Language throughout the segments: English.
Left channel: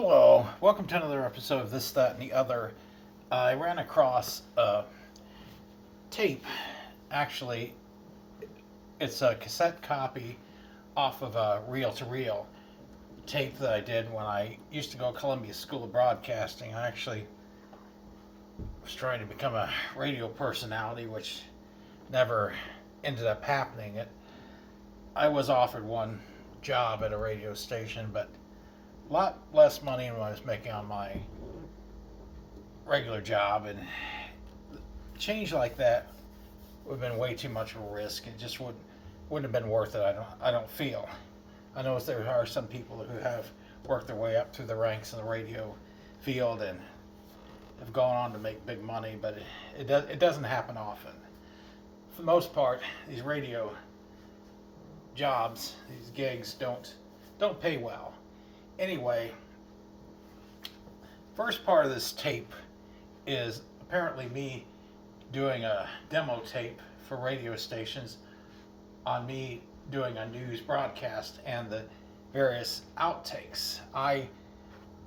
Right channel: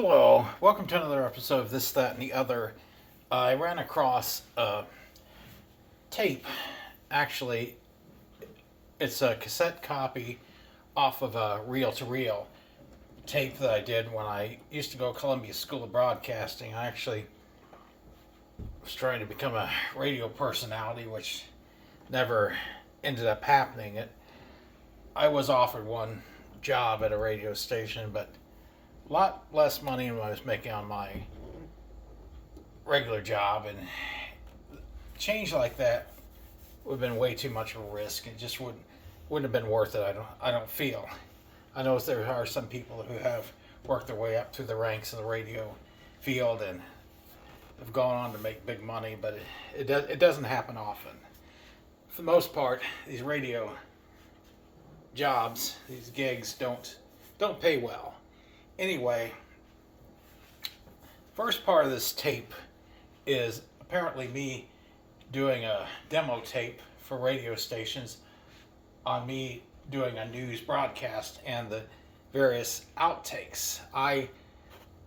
Hello, welcome to another episode of This, That, and the Other. I ran across a tape. Actually, it's a cassette copy off of a reel to reel tape that I did when I used to go to Columbia School of Broadcasting. I actually was trying to become a radio personality, which never ended up happening. I was offered one job at a radio station, but a lot less money than I was making on my regular job, and change like that would have been way too much of a risk. It just wouldn't have been worth it. I don't feel. I know there are some people who have worked their way up through the ranks in the radio field and have gone on to make big money, but it doesn't happen often. For the most part, these radio jobs, these gigs don't pay well. Anyway, first part of this tape is apparently me doing a demo tape for radio stations on me doing a news broadcast and the various outtakes. I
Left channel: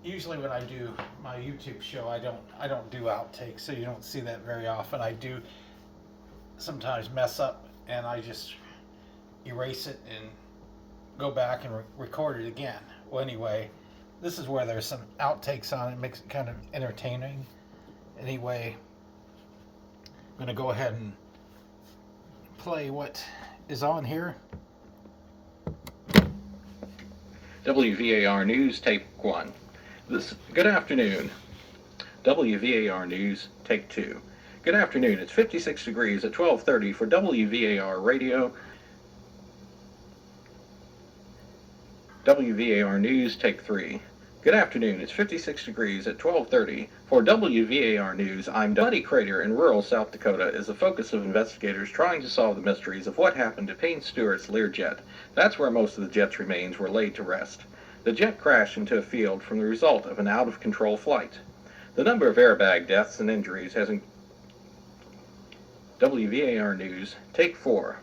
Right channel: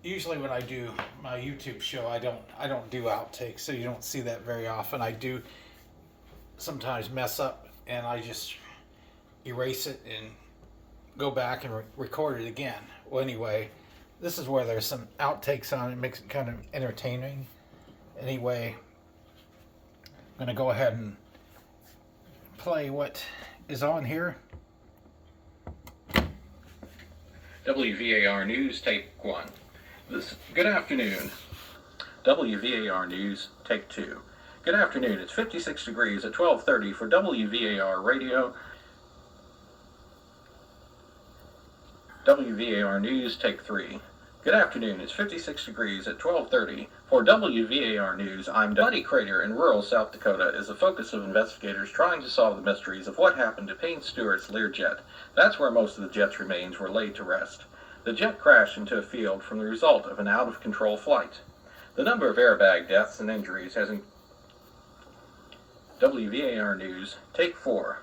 usually, when I do my YouTube show, I don't do outtakes, so you don't see that very often. I do sometimes mess up and I just erase it and go back and record it again. Well, anyway, this is where there's some outtakes on it. It makes it kind of entertaining. Anyway, I'm going to go ahead and play what is on here. WVAR News, Take 1. Good afternoon. WVAR News, Take 2. Good afternoon. It's 56 degrees at 12:30 for WVAR Radio. WVAR News, Take 3. Good afternoon. It's 56 degrees at 12:30 for WVAR News. I'm Muddy Crater in rural South Dakota is the focus of investigators trying to solve the mysteries of what happened to Payne Stewart's Learjet. That's where most of the jet's remains were laid to rest. The jet crashed into a field from the result of an out-of-control flight. The number of airbag deaths and injuries has WVAR News, Take 4.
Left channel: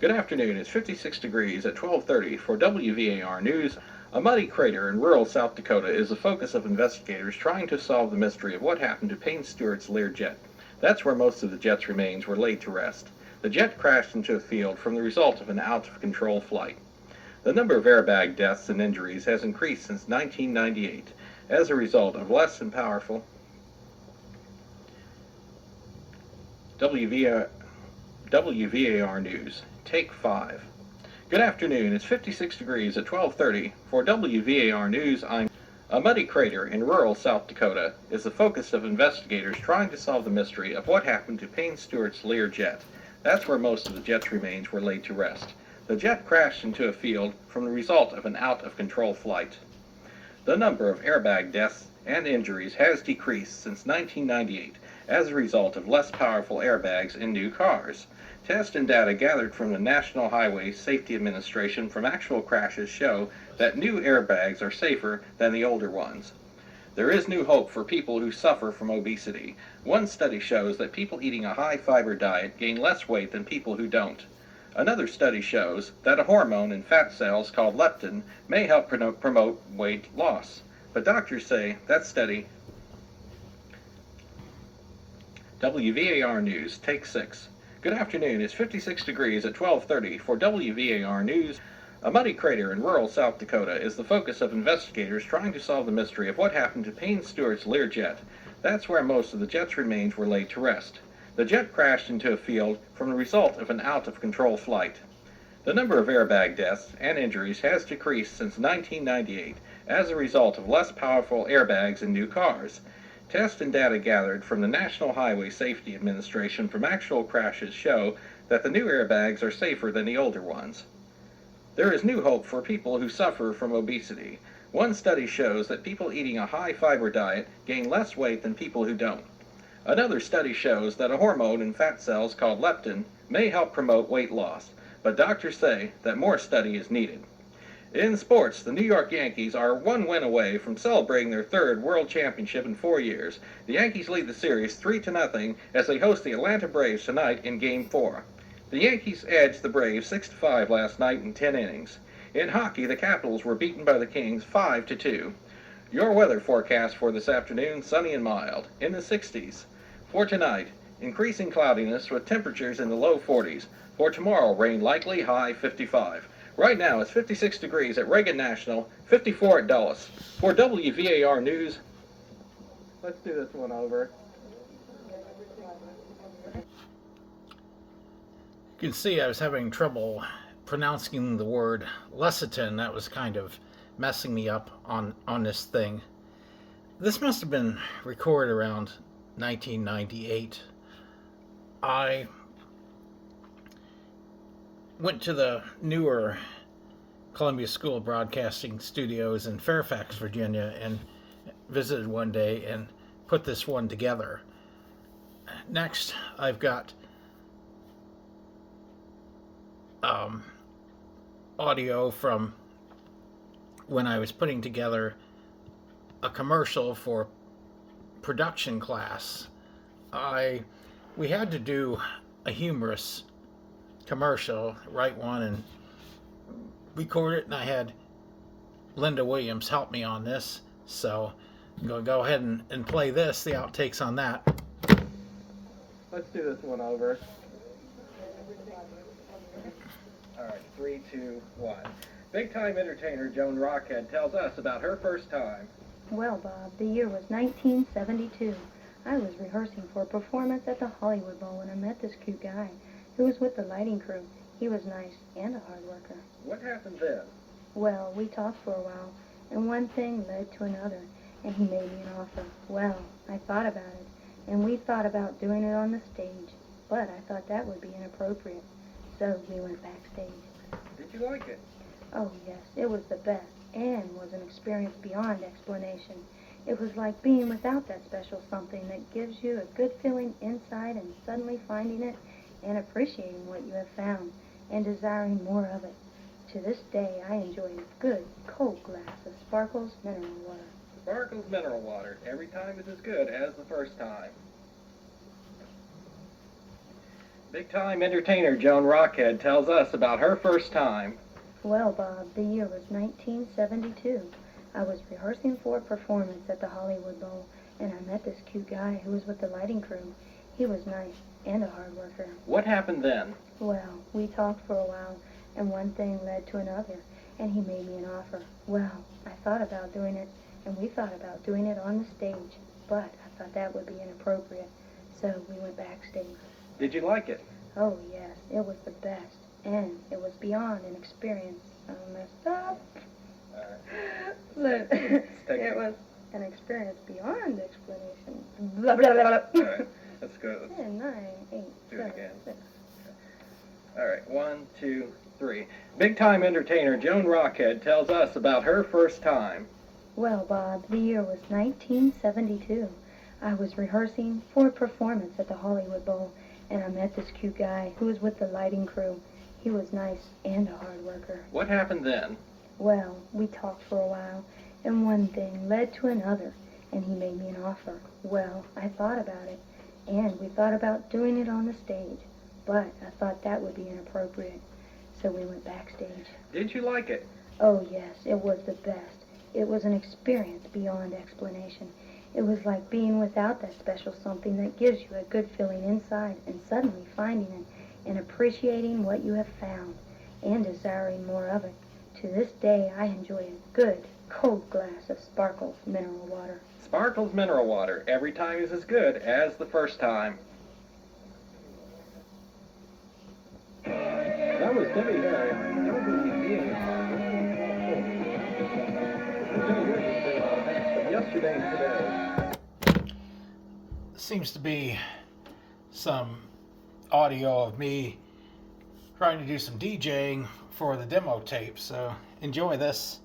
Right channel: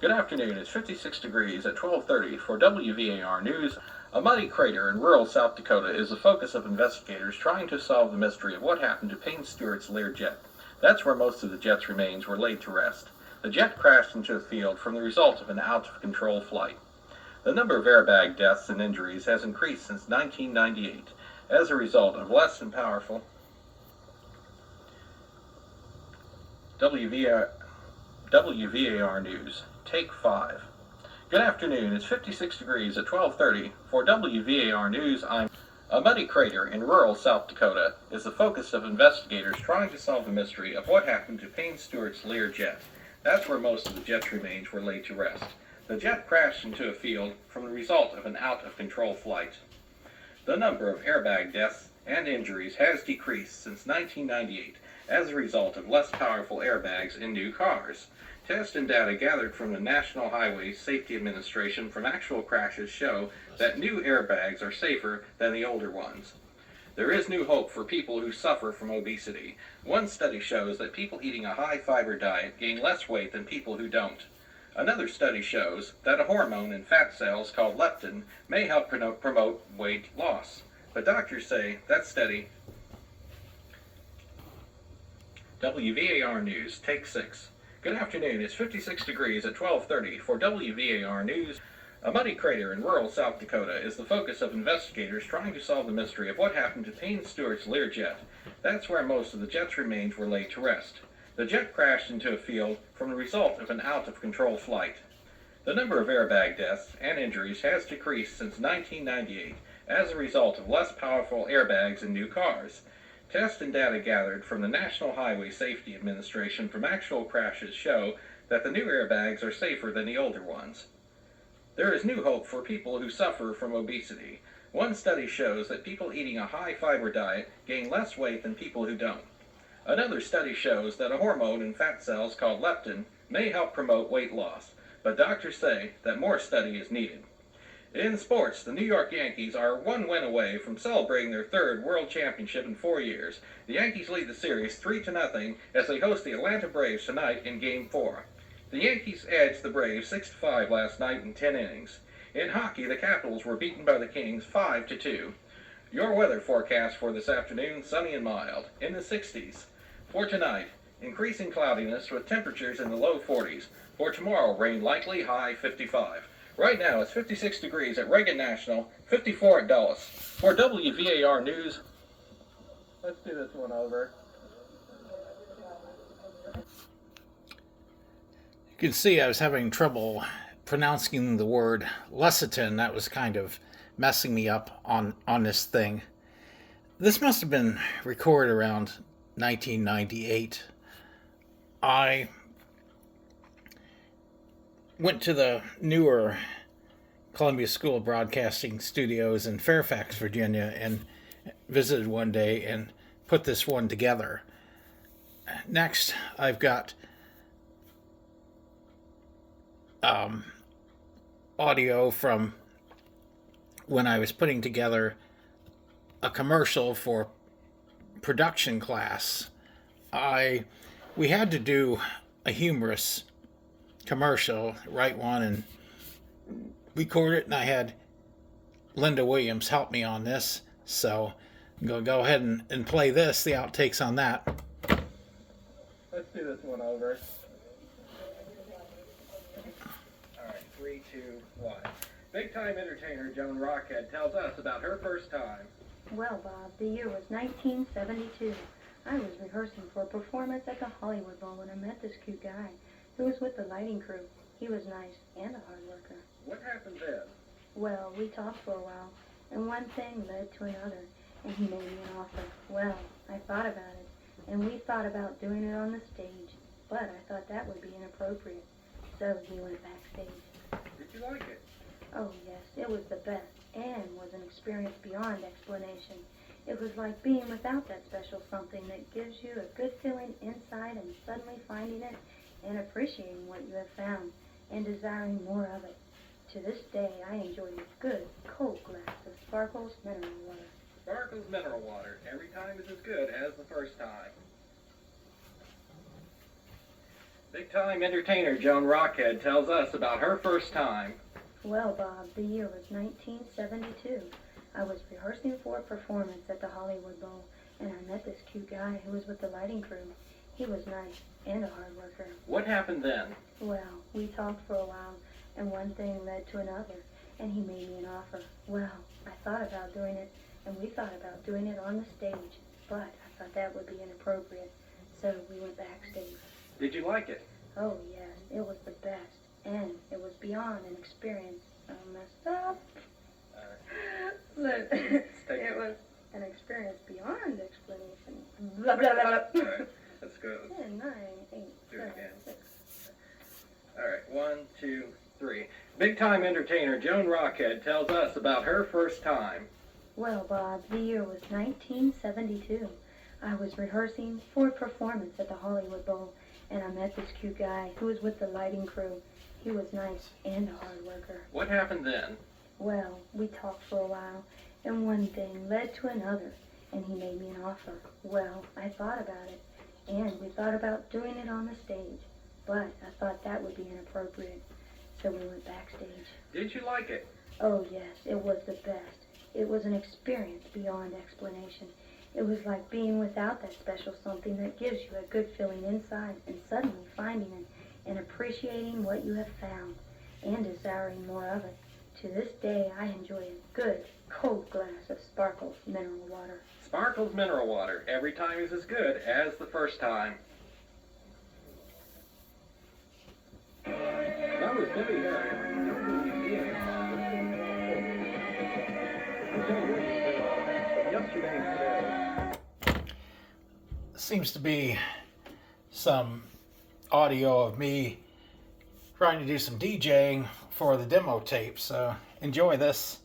Good afternoon. It's 56 degrees at 12:30 for WVAR News. A muddy crater in rural South Dakota is the focus of investigators trying to solve the mystery of what happened to Payne Stewart's Learjet. That's where most of the jet's remains were laid to rest. The jet crashed into a field from the result of an out-of-control flight. The number of airbag deaths and injuries has increased since 1998 as a result of less than powerful WVAR News, Take 5. Good afternoon. It's 56 degrees at 12:30 for WVAR News. A muddy crater in rural South Dakota is the focus of investigators trying to solve the mystery of what happened to Payne Stewart's Learjet. That's where most of the jet's remains were laid to rest. The jet crashed into a field from the result of an out-of-control flight. The number of airbag deaths and injuries has decreased since 1998 as a result of less powerful airbags in new cars. Tests and data gathered from the National Highway Safety Administration from actual crashes show that new airbags are safer than the older ones. There is new hope for people who suffer from obesity. One study shows that people eating a high-fiber diet gain less weight than people who don't. Another study shows that a hormone in fat cells called leptin may help promote weight loss. But doctors say that study. WVAR News, Take 6. Good afternoon. It's 56 degrees at 12:30 for WVAR News. A muddy crater in rural South Dakota is the focus of investigators trying to solve the mystery of what happened to Payne Stewart's Learjet. That's where most of the jet's remains were laid to rest. The jet crashed into a field from the result of an out-of-control flight. The number of airbag deaths and injuries has decreased since 1998 as a result of less powerful airbags in new cars. Tests and data gathered from the National Highway Safety Administration from actual crashes show that the new airbags are safer than the older ones. There is new hope for people who suffer from obesity. One study shows that people eating a high-fiber diet gain less weight than people who don't. Another study shows that a hormone in fat cells called leptin may help promote weight loss, but doctors say that more study is needed. In sports, the New York Yankees are one win away from celebrating their third World Championship in 4 years. The Yankees lead the series 3-0 as they host the Atlanta Braves tonight in Game 4. The Yankees edged the Braves 6-5 last night in 10 innings. In hockey, the Capitals were beaten by the Kings 5-2. Your weather forecast for this afternoon, sunny and mild, in the 60s. For tonight, increasing cloudiness with temperatures in the low 40s. For tomorrow, rain likely, high 55. Right now, it's 56 degrees at Reagan National, 54 at Dulles. For WVAR News, let's do this one over. You can see I was having trouble pronouncing the word lecithin. That was kind of messing me up on this thing. This must have been recorded around 1998. I went to the newer Columbia School of Broadcasting studios in Fairfax, Virginia, and visited one day and put this one together. Next, I've got audio from when I was putting together a commercial for production class. We had to do a humorous commercial, write one and record it, and I had Linda Williams help me on this, so I'm going to go ahead and play this, the outtakes on that. Let's do this one over. All right, 3, 2, 1. Big-time entertainer Joan Rockhead tells us about her first time. Well, Bob, the year was 1972. I was rehearsing for a performance at the Hollywood Bowl when I met this cute guy who was with the lighting crew. He was nice and a hard worker. What happened then? Well, we talked for a while, and one thing led to another, and he made me an offer. Well, I thought about it, and we thought about doing it on the stage, but I thought that would be inappropriate, so we went backstage. Did you like it? Oh, yes, it was the best, and was an experience beyond explanation. It was like being without that special something that gives you a good feeling inside and suddenly finding it and appreciating what you have found and desiring more of it. To this day, I enjoy a good, cold glass of Sparkles mineral water. Sparkles mineral water. Every time is as good as the first time. Big-time entertainer Joan Rockhead tells us about her first time. Well, Bob, the year was 1972. I was rehearsing for a performance at the Hollywood Bowl, and I met this cute guy who was with the lighting crew. He was nice and a hard worker. What happened then? Well, we talked for a while, and one thing led to another, and he made me an offer. Well, I thought about doing it, and we thought about doing it on the stage, but I thought that would be inappropriate, so we went backstage. Did you like it? Oh, yes, it was the best, and it was beyond an experience. I messed up. But it was an experience beyond explanation. Blah, blah, blah, blah. All right, let's go. Let's 10, 9, 8, do 7, it again. 6. All right, 1, 2, 3. Big-time entertainer Joan Rockhead tells us about her first time. Well, Bob, the year was 1972. I was rehearsing for a performance at the Hollywood Bowl, and I met this cute guy who was with the lighting crew. He was nice and a hard worker. What happened then? Well, we talked for a while, and one thing led to another, and he made me an offer. Well, I thought about it, and we thought about doing it on the stage, but I thought that would be inappropriate, so we went backstage. Did you like it? Oh, yes, it was the best. It was an experience beyond explanation. It was like being without that special something that gives you a good feeling inside and suddenly finding it and appreciating what you have found and desiring more of it. To this day, I enjoy a good, cold glass of Sparkles mineral water. Sparkles mineral water. Every time is as good as the first time. That was Debbie Harry. Yesterday and today. Seems to be some audio of me trying to do some DJing for the demo tape, so enjoy this.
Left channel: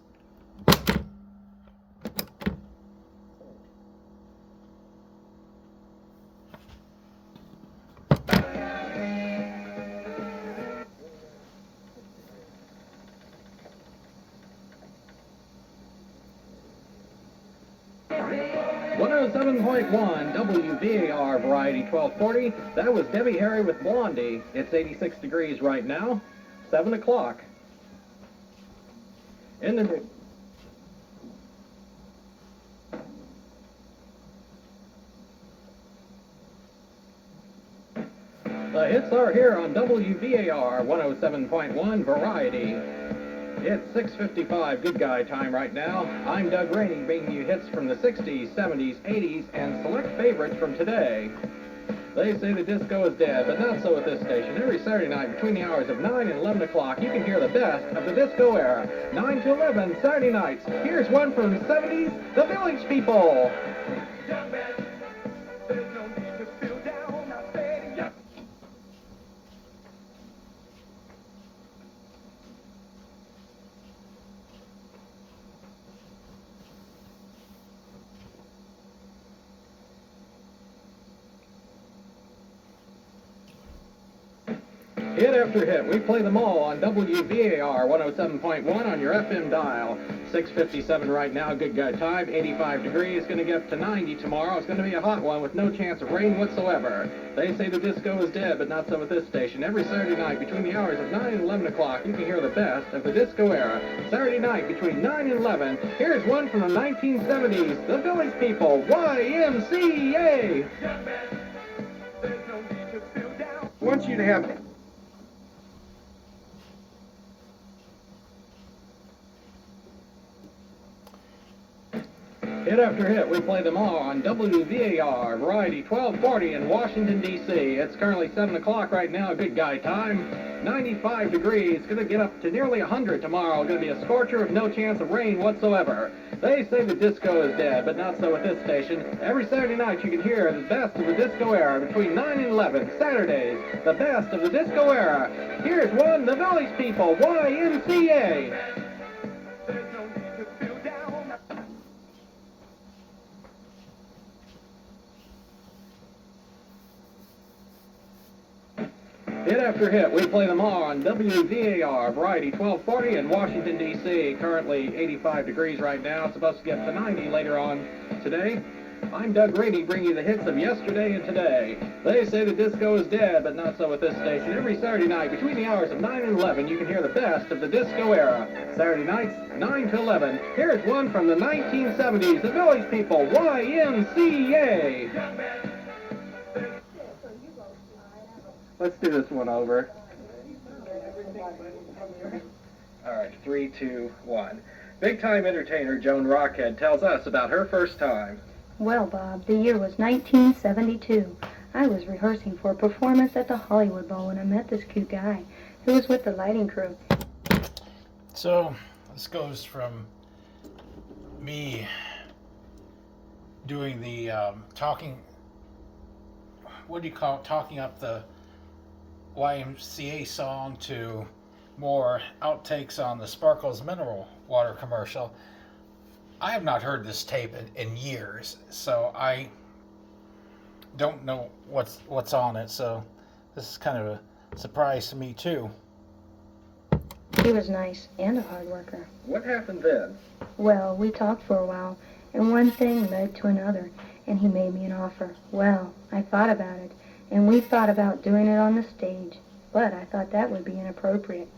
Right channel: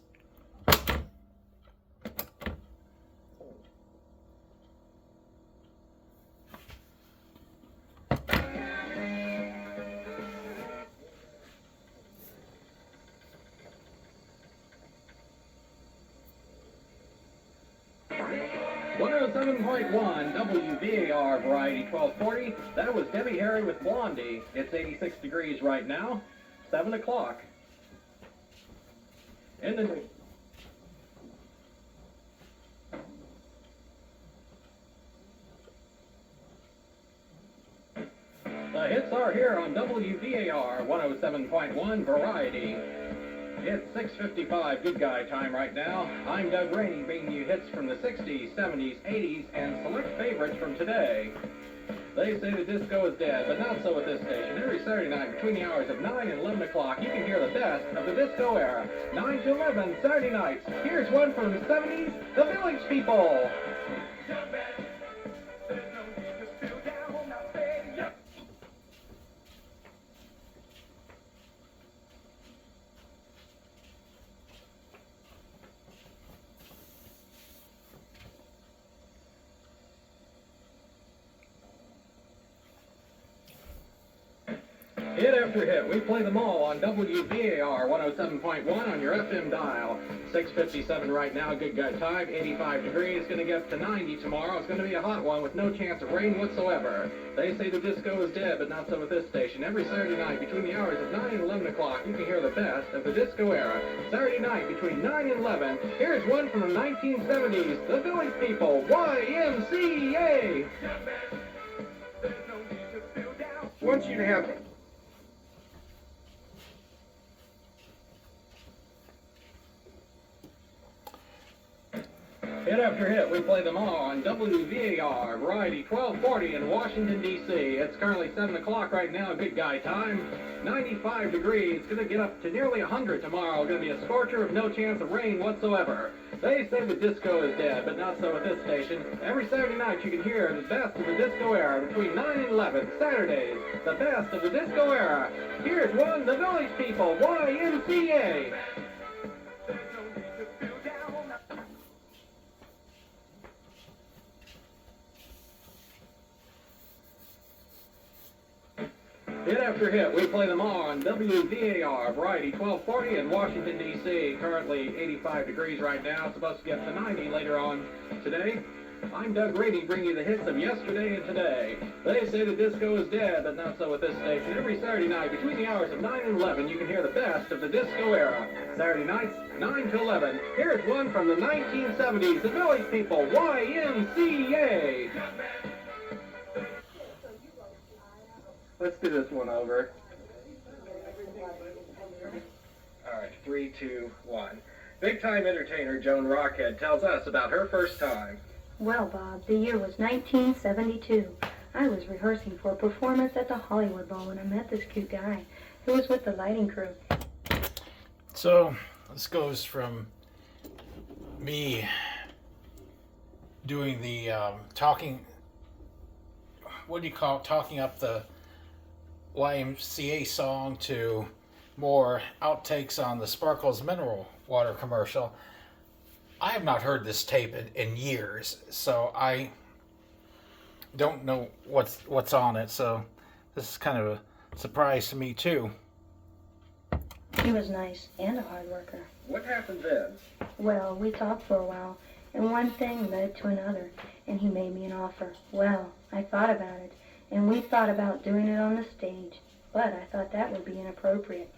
.1 WVAR Variety 1240. That was Debbie Harry with Blondie. It's 86 degrees right now. 7 o'clock. In the The hits are here on WVAR 107.1 Variety. It's 6:55 Good Guy time right now. I'm Doug Rainey, bringing you hits from the 60s, 70s, 80s, and select favorites from today. They say the disco is dead, but not so at this station. Every Saturday night between the hours of 9 and 11 o'clock, you can hear the best of the disco era. 9 to 11, Saturday nights. Here's one from the 70s, The Village People. Hit after hit, we play them all on WVAR 107.1 on your FM dial. 6:57 right now, Good Guy time, 85 degrees, going to get up to 90 tomorrow. It's going to be a hot one with no chance of rain whatsoever. They say the disco is dead, but not so at this station. Every Saturday night between the hours of 9 and 11 o'clock, you can hear the best of the disco era. Saturday night between 9 and 11, here's one from the 1970s, The Village People, YMCA. I want you to have Hit after hit, we play them all on WVAR, Variety 1240 in Washington, D.C. It's currently 7 o'clock right now, Good Guy time. 95 degrees, going to get up to nearly 100 tomorrow. Going to be a scorcher with no chance of rain whatsoever. They say the disco is dead, but not so at this station. Every Saturday night you can hear the best of the disco era between 9 and 11. Saturdays, the best of the disco era. Here's one, The Village People, YMCA. Hit after hit, we play them all on WVAR, Variety 1240 in Washington, D.C. Currently 85 degrees right now. It's supposed to get to 90 later on today. I'm Doug Rainey, bringing you the hits of yesterday and today. They say the disco is dead, but not so at this station. Every Saturday night between the hours of 9 and 11, you can hear the best of the disco era. Saturday nights, 9 to 11. Here's one from the 1970s, The Village People, YMCA. Let's do this one over. All right, 3, 2, 1. Big-time entertainer Joan Rockhead tells us about her first time. Well, Bob, the year was 1972. I was rehearsing for a performance at the Hollywood Bowl when I met this cute guy who was with the lighting crew. So this goes from me doing the talking, what do you call it, talking up the YMCA song to more outtakes on the Sparkles mineral water commercial. I have not heard this tape in years, so I don't know what's on it, so this is kind of a surprise to me too. He was nice and a hard worker. What happened then? Well, we talked for a while, and one thing led to another, and he made me an offer. Well, I thought about it, and we thought about doing it on the stage, but I thought that would be inappropriate,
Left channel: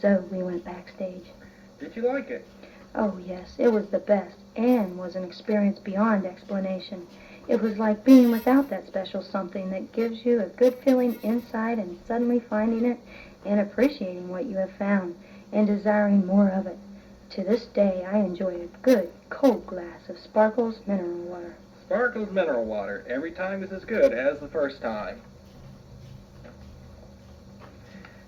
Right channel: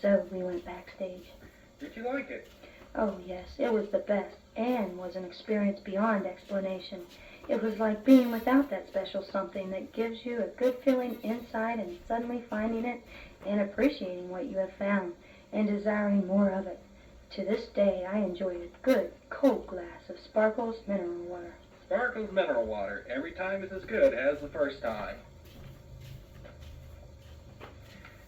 so we went backstage. Did you like it? Oh yes, it was the best, and was an experience beyond explanation. It was like being without that special something that gives you a good feeling inside and suddenly finding it and appreciating what you have found and desiring more of it. To this day, I enjoy a good, cold glass of Sparkles mineral water. Sparkles mineral water. Every time is as good as the first time.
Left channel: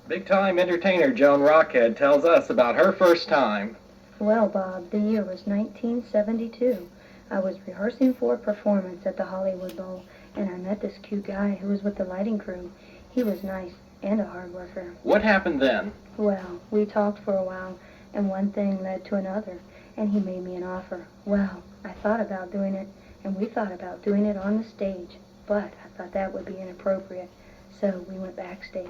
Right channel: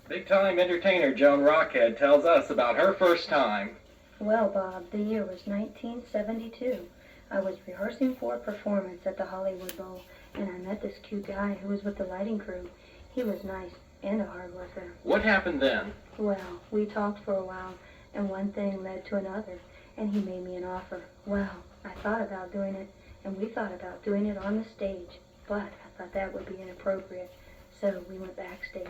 Big-time entertainer Joan Rockhead tells us about her first time. Well, Bob, the year was 1972. I was rehearsing for a performance at the Hollywood Bowl, and I met this cute guy who was with the lighting crew. He was nice and a hard worker. What happened then? Well, we talked for a while, and one thing led to another, and he made me an offer. Well, I thought about doing it, and we thought about doing it on the stage, but I thought that would be inappropriate, so we went backstage.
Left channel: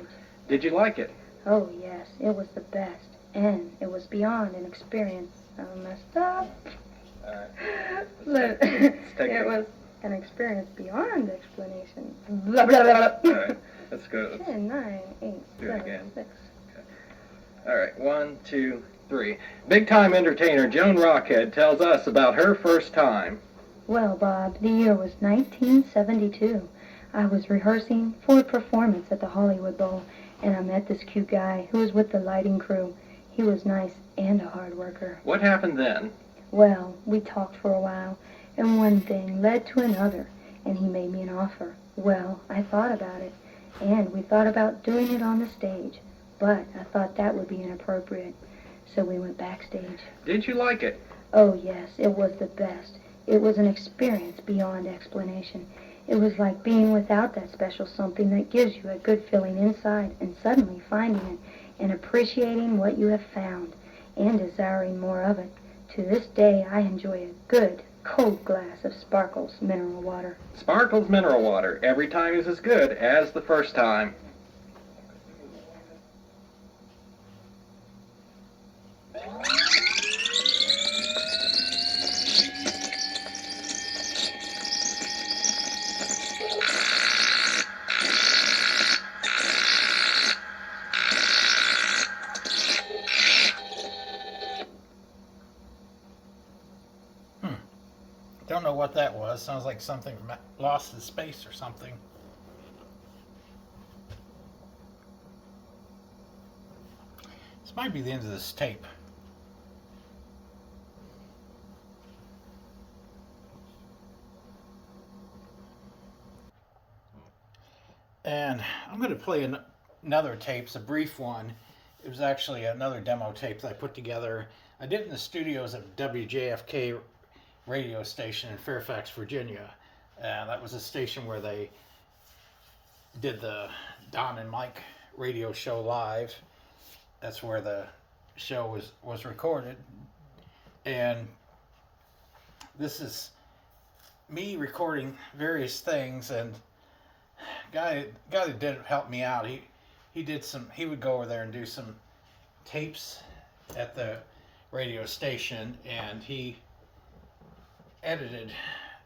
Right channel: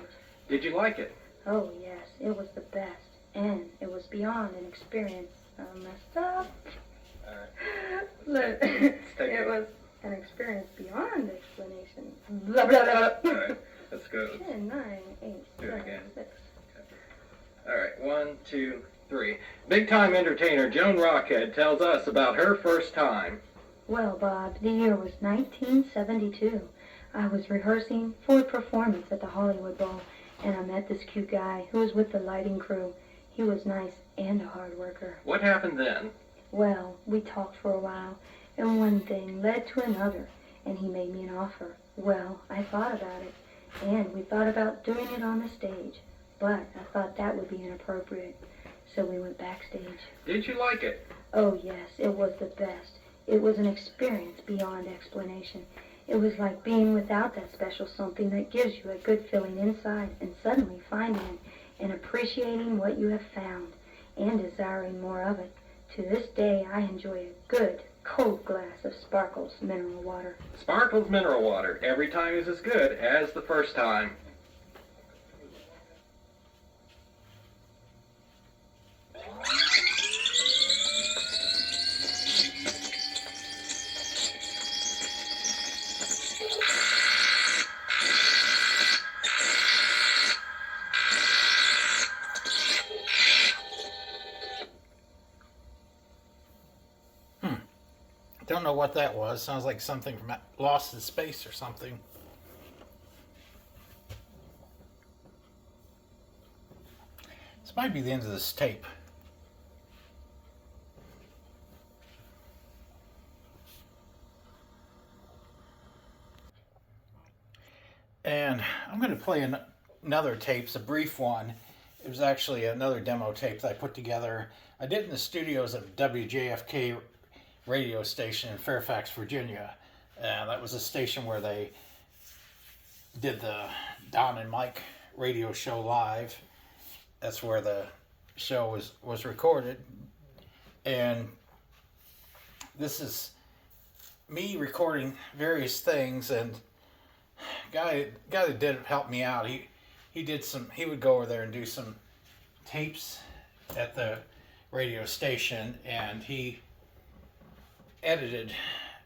Did you like it? Oh, yes, it was the best, and it was beyond an experience. I messed up. But it was an experience beyond explanation. Blah, blah, blah. All right, let's go. 10, 9, 8, Do it 7, again. 6. All right, 1, 2, 3. Big-time entertainer Joan Rockhead tells us about her first time. Well, Bob, the year was 1972. I was rehearsing for a performance at the Hollywood Bowl, and I met this cute guy who was with the lighting crew. He was nice and a hard worker. What happened then? Well, we talked for a while, and one thing led to another, and he made me an offer. Well, I thought about it, and we thought about doing it on the stage, but I thought that would be inappropriate, so we went backstage. Did you like it? Oh yes, it was the best. It was an experience beyond explanation. It was like being without that special something that gives you a good feeling inside and suddenly finding it and appreciating what you have found and desiring more of it. To this day, I enjoy a good, cold glass of Sparkles mineral water. Sparkles mineral water. Every time is as good as the first time. Don't know what that was. Sounds like something from Lost in Space or something. This might be the end of this tape. And I'm going to play another tape. It's a brief one. It was actually another demo tape that I put together. I did it in the studios at WJFK radio station in Fairfax, Virginia. That was a station where they did the Don and Mike radio show live. That's where the show was recorded. And this is me recording various things, and guy that did help me out. He would go over there and do some tapes at the radio station, and he edited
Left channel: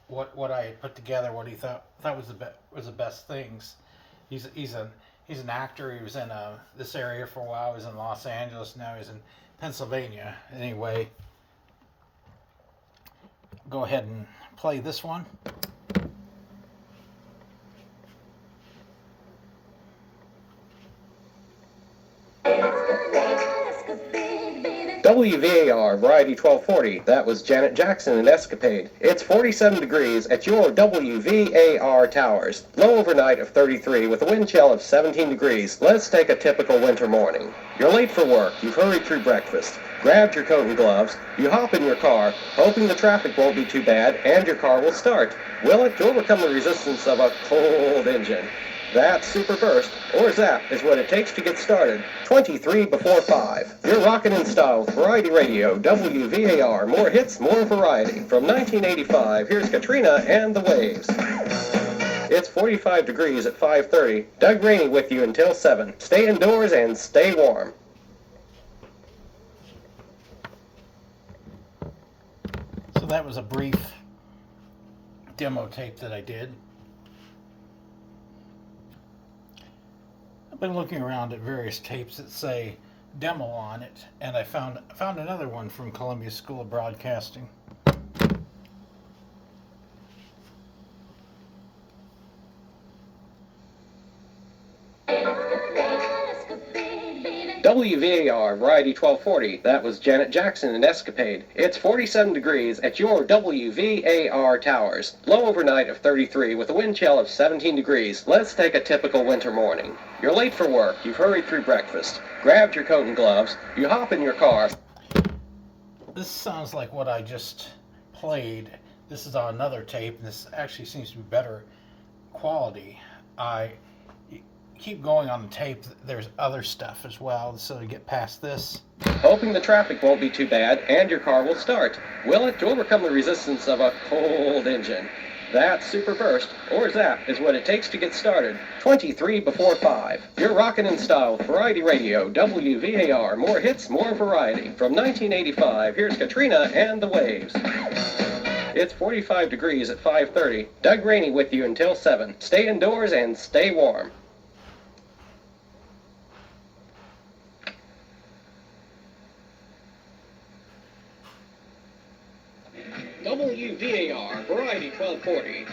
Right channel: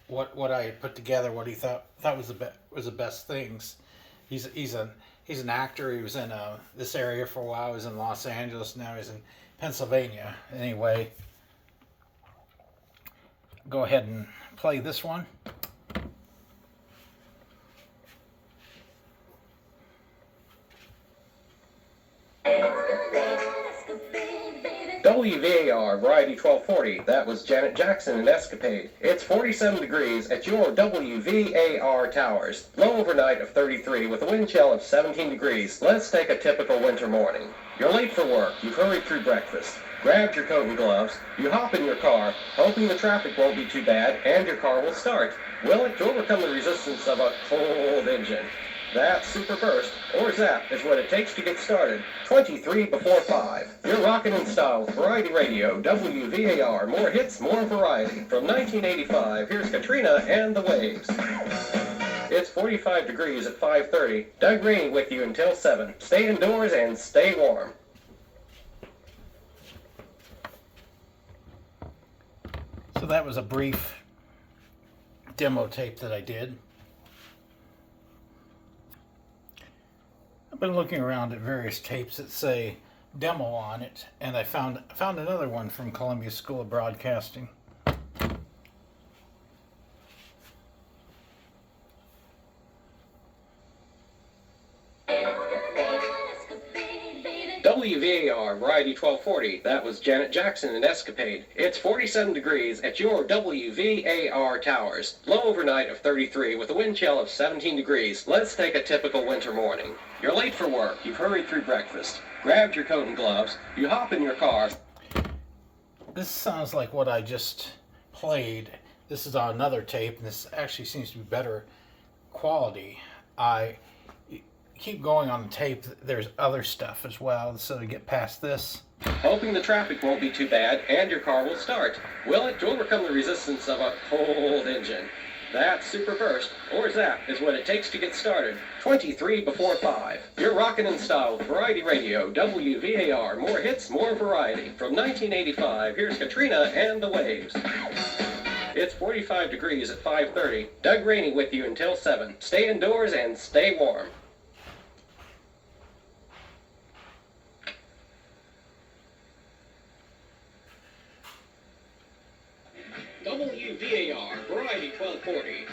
what I had put together, what he thought was the best things. He's an actor. He was in this area for a while. He was in Los Angeles. Now he's in Pennsylvania. Anyway, go ahead and play this one. WVAR Variety 1240. That was Janet Jackson and Escapade. It's 47 degrees at your WVAR towers. Low overnight of 33 with a wind chill of 17 degrees. Let's take a typical winter morning. You're late for work. You've hurried through breakfast. Grabbed your coat and gloves. You hop in your car, hoping the traffic won't be too bad and your car will start. Will it? To overcome the resistance of a cold engine. That super burst, or zap, is what it takes to get started. 23 before 5. You're rockin' in style with Variety Radio, WVAR. More hits, more variety. From 1985, here's Katrina and the Waves. It's 45 degrees at 5:30. Doug Rainey with you until 7. Stay indoors and stay warm. So that was a brief demo tape that I did. I've been looking around at various tapes that say demo on it, and I found another one from Columbia School of Broadcasting. WVAR Variety 1240. That was Janet Jackson and Escapade. It's 47 degrees at your WVAR towers. Low overnight of 33 with a wind chill of 17 degrees. Let's take a typical winter morning. You're late for work. You've hurried through breakfast. Grabbed your coat and gloves. You hop in your car. This sounds like what I just played. This is on another tape, and this actually seems to be better quality. I keep going on the tape. There's other stuff as well, so to get past this. Hoping the traffic won't be too bad and your car will start. Will it? To overcome the resistance of a cold engine. That super burst, or zap, is what it takes to get started. 23 before 5. You're rockin' in style with Variety Radio, WVAR. More hits, more variety. From 1985, here's Katrina and the Waves. It's 45 degrees at 5:30. Doug Rainey with you until 7. Stay indoors and stay warm. WVAR Variety 1240.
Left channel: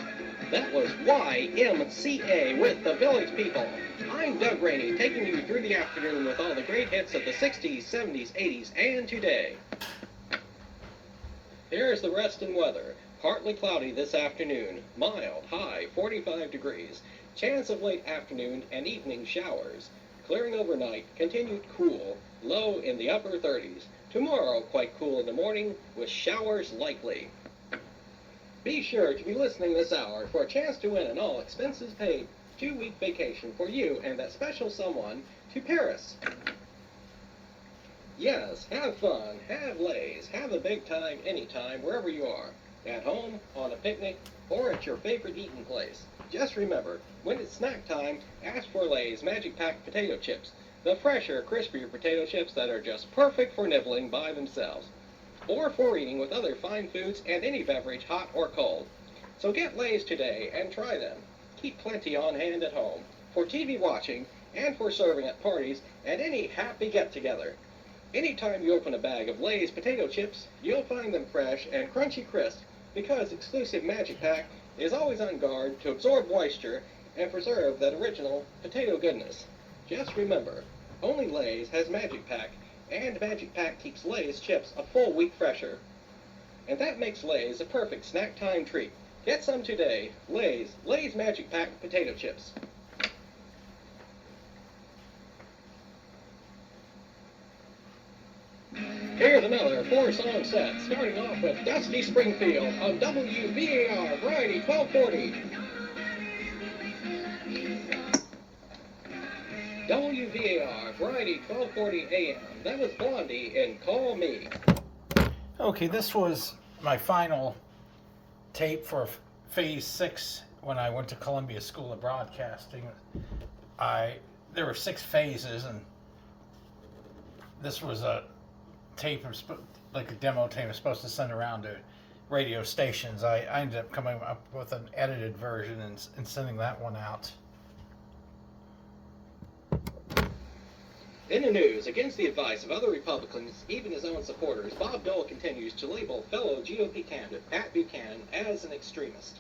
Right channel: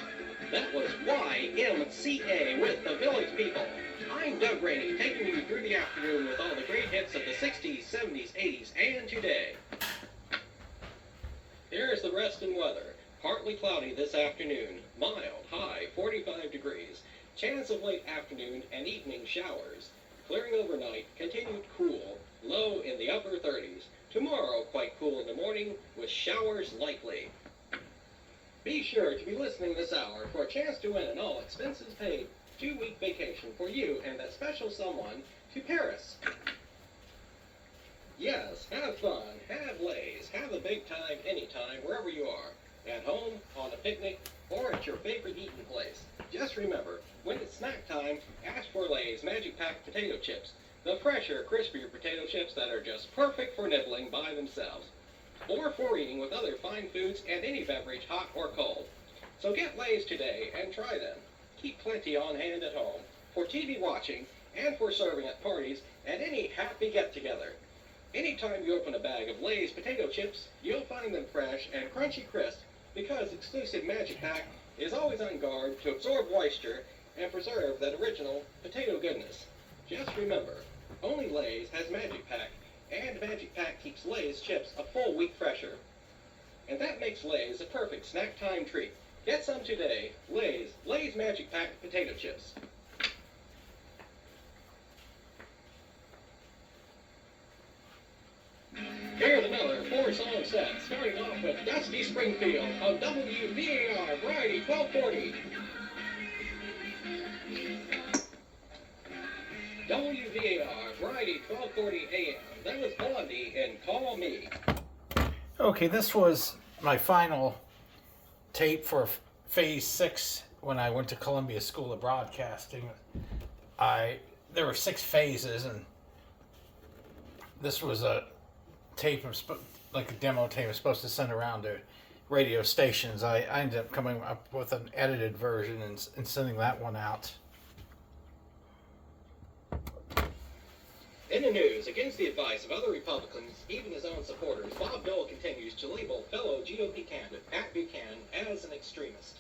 That was YMCA with the Village People. I'm Doug Rainey, taking you through the afternoon with all the great hits of the 60s, 70s, 80s, and today. Here's the rest in weather. Partly cloudy this afternoon. Mild, high 45 degrees. Chance of late afternoon and evening showers. Clearing overnight, continued cool. Low in the upper 30s. Tomorrow, quite cool in the morning, with showers likely. Be sure to be listening this hour for a chance to win an all-expenses-paid 2-week vacation for you and that special someone to Paris. Yes, have fun, have lays, have a big time anytime, wherever you are. At home, on a picnic, or at your favorite eating place. Just remember, when it's snack time, ask for Lay's Magic Pack potato chips. The fresher, crispier potato chips that are just perfect for nibbling by themselves. Or for eating with other fine foods and any beverage, hot or cold. So get Lay's today and try them. Keep plenty on hand at home, for TV watching, and for serving at parties and any happy get-together. Anytime you open a bag of Lay's potato chips, you'll find them fresh and crunchy crisp, because exclusive Magic Pack is always on guard to absorb moisture and preserve that original potato goodness. Just remember, only Lay's has Magic Pack, and Magic Pack keeps Lay's chips a full week fresher. And that makes Lay's a perfect snack time treat. Get some today. Lay's Magic Pack potato chips. Here's another 4-song set, starting off with Dusty Springfield on WVAR Variety 1240. WVAR Variety 1240 AM. That was Blondie and Call Me. Okay, this was my final tape for Phase 6 when I went to Columbia School of Broadcasting. There were 6 phases, and this was a tape, like a demo tape, I was supposed to send around to radio stations. I ended up coming up with an edited version and sending that one out. In the news, against the advice of other Republicans, even his own supporters, Bob Dole continues to label fellow GOP candidate Pat Buchanan as an extremist.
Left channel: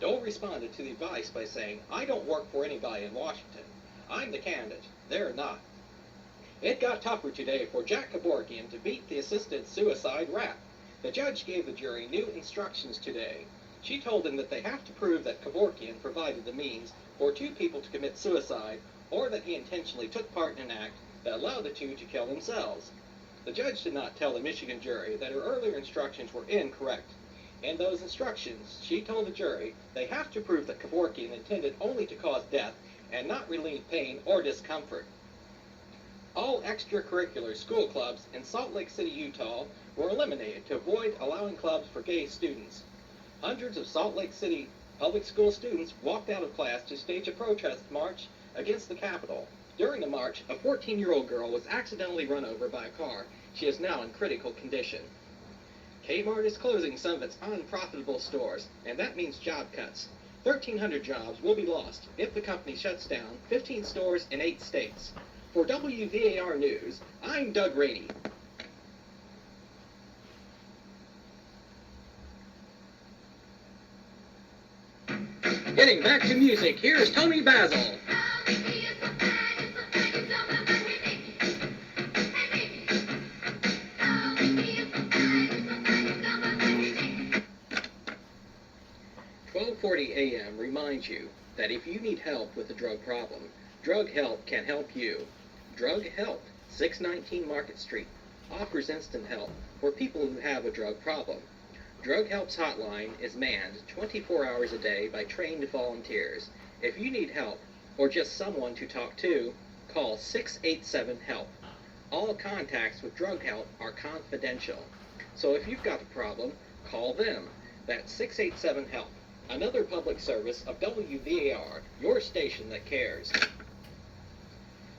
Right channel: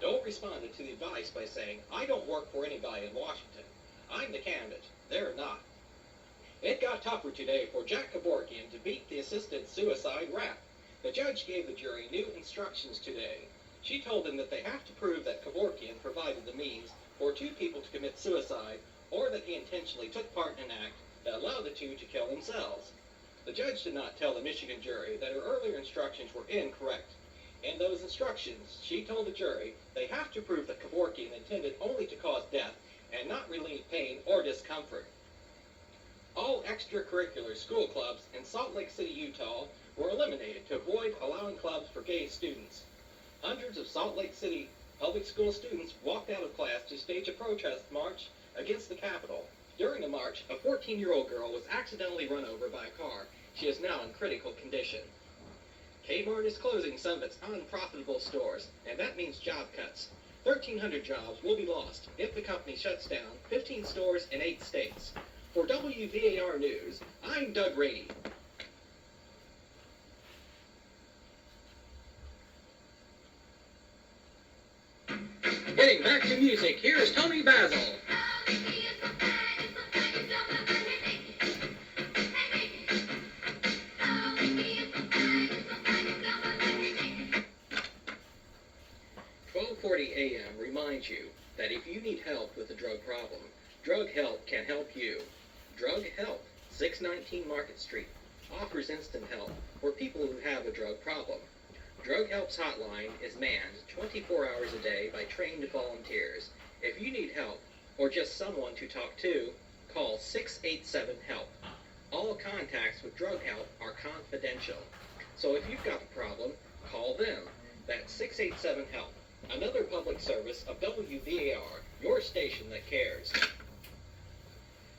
Dole responded to the advice by saying, "I don't work for anybody in Washington. I'm the candidate. They're not." It got tougher today for Jack Kevorkian to beat the assisted suicide rap. The judge gave the jury new instructions today. She told them that they have to prove that Kevorkian provided the means for 2 people to commit suicide, or that he intentionally took part in an act that allowed the 2 to kill themselves. The judge did not tell the Michigan jury that her earlier instructions were incorrect. In those instructions, she told the jury they have to prove that Kevorkian intended only to cause death and not relieve pain or discomfort. All extracurricular school clubs in Salt Lake City, Utah were eliminated to avoid allowing clubs for gay students. Hundreds of Salt Lake City public school students walked out of class to stage a protest march against the Capitol. During the march, a 14-year-old girl was accidentally run over by a car. She is now in critical condition. Kmart is closing some of its unprofitable stores, and that means job cuts. 1,300 jobs will be lost if the company shuts down 15 stores in 8 states. For WVAR News, I'm Doug Rainey. Getting back to music, here's Tony Basil. AM reminds you that if you need help with a drug problem, Drug Help can help you. Drug Help, 619 Market Street, offers instant help for people who have a drug problem. Drug Help's hotline is manned 24 hours a day by trained volunteers. If you need help or just someone to talk to, call 687-HELP. All contacts with Drug Help are confidential. So if you've got a problem, call them. That's 687-HELP. Another public service of WVAR, your station that cares.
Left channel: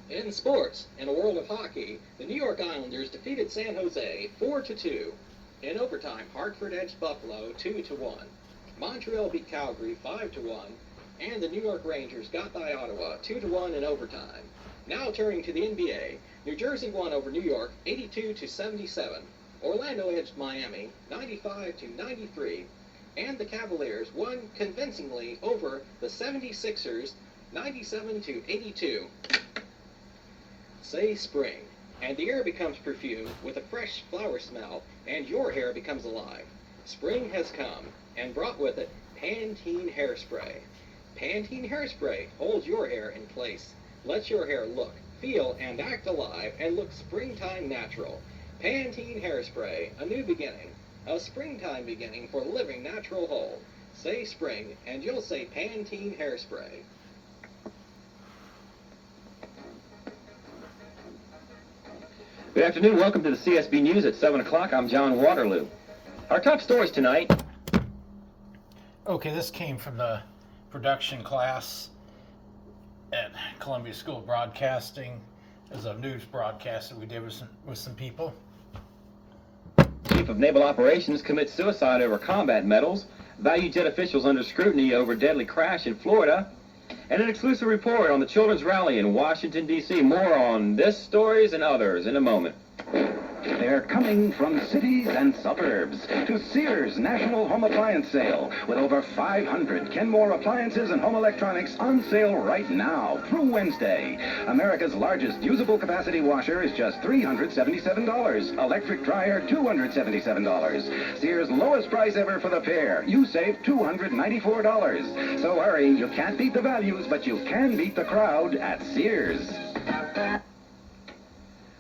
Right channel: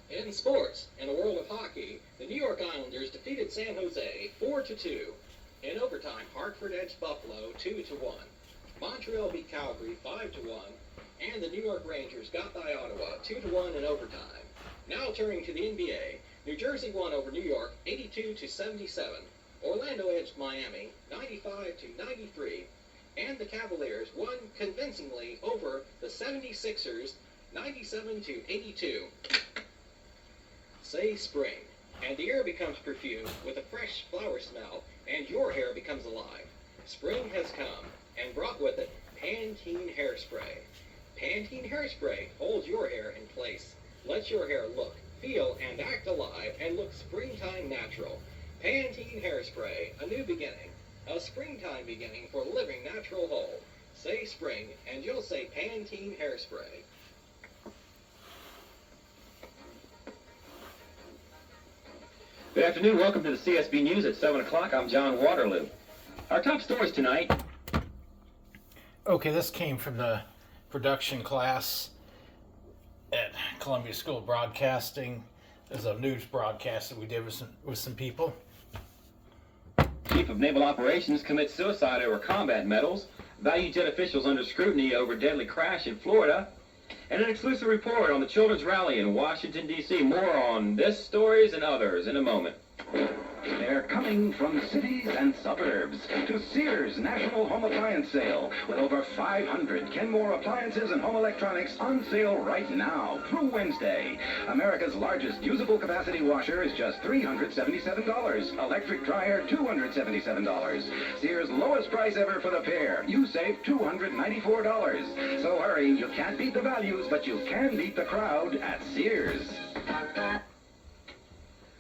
In sports, in a world of hockey, the New York Islanders defeated San Jose 4-2. In overtime, Hartford edged Buffalo 2-1. Montreal beat Calgary 5-1, and the New York Rangers got by Ottawa 2-1 in overtime. Now turning to the NBA, New Jersey won over New York 82-77. Orlando edged Miami 95-93. and the Cavaliers won convincingly over the 76ers 97-82. Say spring, and the air becomes perfumed with a fresh flower smell, and your hair becomes alive. Spring has come, and brought with it Pantene Hairspray. Pantene Hairspray holds your hair in place, lets your hair look, feel, and act alive, and look springtime natural. Pantene Hairspray, a new beginning, a springtime beginning for living natural whole. Say spring, and you'll say Pantene Hairspray. Good afternoon. Welcome to the CSB News at 7 o'clock. I'm John Waterloo. Our top stories tonight. Okay, this came from the production class at Columbia School of Broadcasting. As a news broadcast that we did with some people. Chief of Naval Operations commits suicide over combat medals. Value jet officials under scrutiny over deadly crash in Florida. And an exclusive report on the Children's Rally in Washington, D.C. More on this, stories, and others in a moment. They're coming from cities and suburbs to Sears National Home Appliance Sale with over 500 Kenmore appliances and home electronics on sale right now through Wednesday. America's largest usable capacity washer is just $377. Electric dryer, $277. Sears' lowest price ever for the pair. You save $294. So hurry, you can't beat the values, but you can beat the crowd at Sears.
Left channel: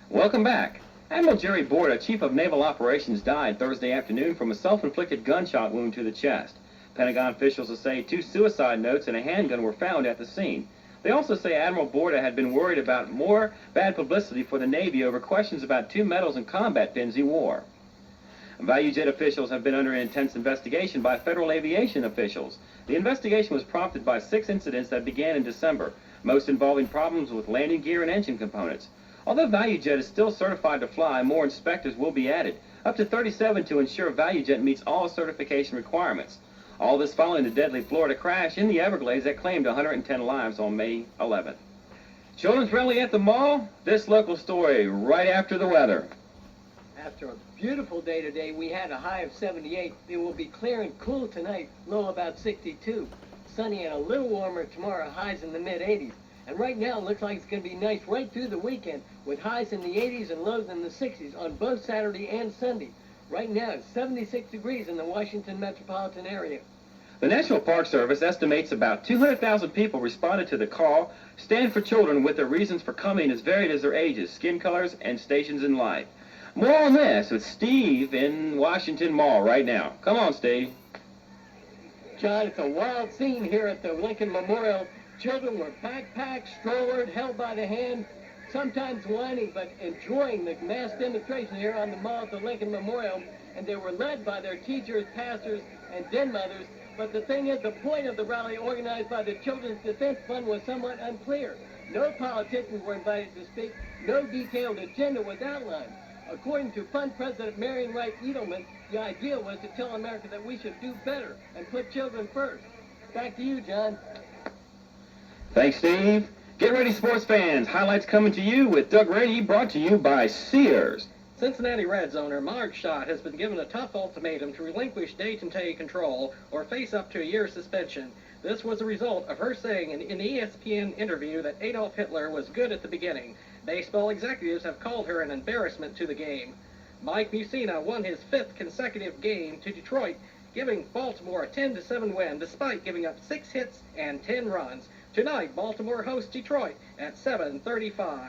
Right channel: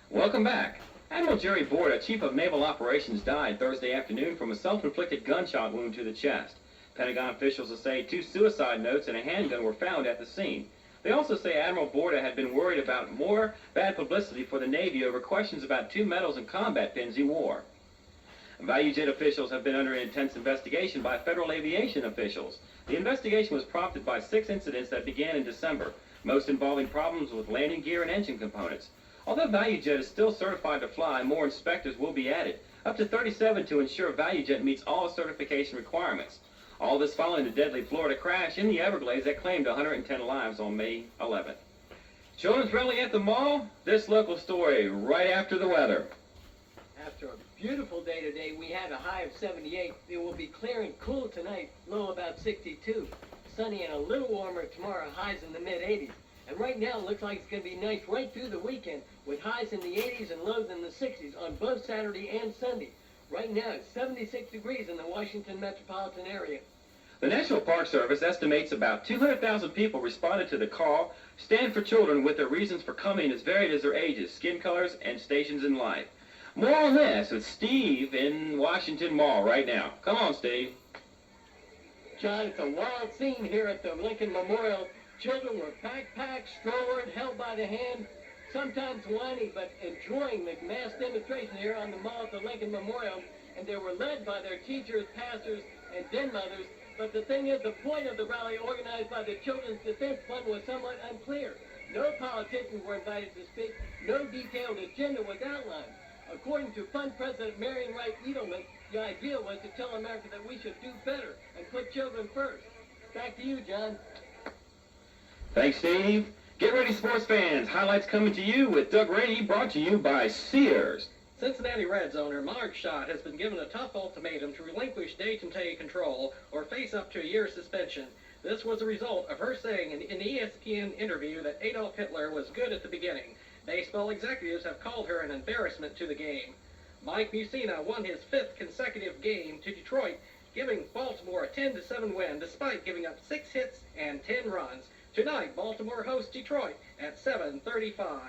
Welcome back. Admiral Jerry Borda, Chief of Naval Operations, died Thursday afternoon from a self-inflicted gunshot wound to the chest. Pentagon officials say 2 suicide notes and a handgun were found at the scene. They also say Admiral Borda had been worried about more bad publicity for the Navy over questions about 2 medals and combat pins he wore. Value jet officials have been under an intense investigation by federal aviation officials. The investigation was prompted by 6 incidents that began in December, most involving problems with landing gear and engine components. Although ValueJet is still certified to fly, more inspectors will be added, up to 37 to ensure ValueJet meets all certification requirements. All this following the deadly Florida crash in the Everglades that claimed 110 lives on May 11th. Children's Rally at the Mall, this local story right after the weather. After a beautiful day today, we had a high of 78. It will be clear and cool tonight, low about 62. Sunny and a little warmer tomorrow, highs in the mid-80s. And right now, it looks like it's going to be nice right through the weekend, with highs in the 80s and lows in the 60s on both Saturday and Sunday. Right now, it's 76 degrees in the Washington metropolitan area. The National Park Service estimates about 200,000 people responded to the call, Stand for Children, with their reasons for coming as varied as their ages, skin colors, and stations in life. More on this with Steve in Washington Mall right now. Come on, Steve. John, it's a wild scene here at the Lincoln Memorial. Children were backpacked, strolled, held by the hand, sometimes whining, but enjoying the mass demonstration here on the mall at the Lincoln Memorial. And they were led by their teachers, pastors, and den mothers. But the thing is, the point of the rally organized by the Children's Defense Fund was somewhat unclear. No politicians were invited to speak. No detailed agenda was outlined. According to Fund President Marion Wright Edelman, the idea was to tell America that we should do better and put children first. Back to you, John. Thanks, Steve. Get ready, sports fans. Highlights coming to you with Doug Rainey, brought to you by Sears. Cincinnati Reds owner Marge Schott has been given a tough ultimatum to relinquish day-to-day control or face up to a year's suspension. This was a result of her saying in an ESPN interview that Adolf Hitler was good at the beginning. Baseball executives have called her an embarrassment to the game. Mike Mussina won his 5th consecutive game to Detroit, giving Baltimore a 10-7 win despite giving up 6 hits and 10 runs. Tonight, Baltimore hosts Detroit at 7:35.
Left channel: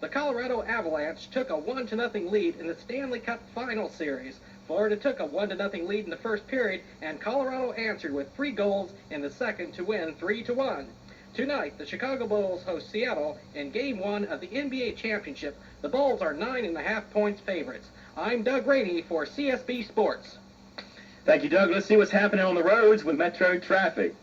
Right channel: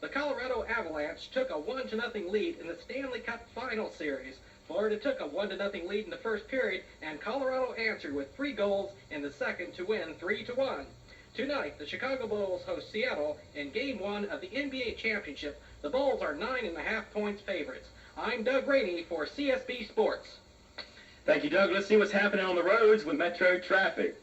The Colorado Avalanche took a 1-0 lead in the Stanley Cup Final Series. Florida took a 1-0 lead in the first period, and Colorado answered with 3 goals in the second to win 3-1. Tonight, the Chicago Bulls host Seattle in Game 1 of the NBA Championship. The Bulls are 9.5 points favorites. I'm Doug Rainey for CSB Sports. Thank you, Doug. Let's see what's happening on the roads with Metro traffic.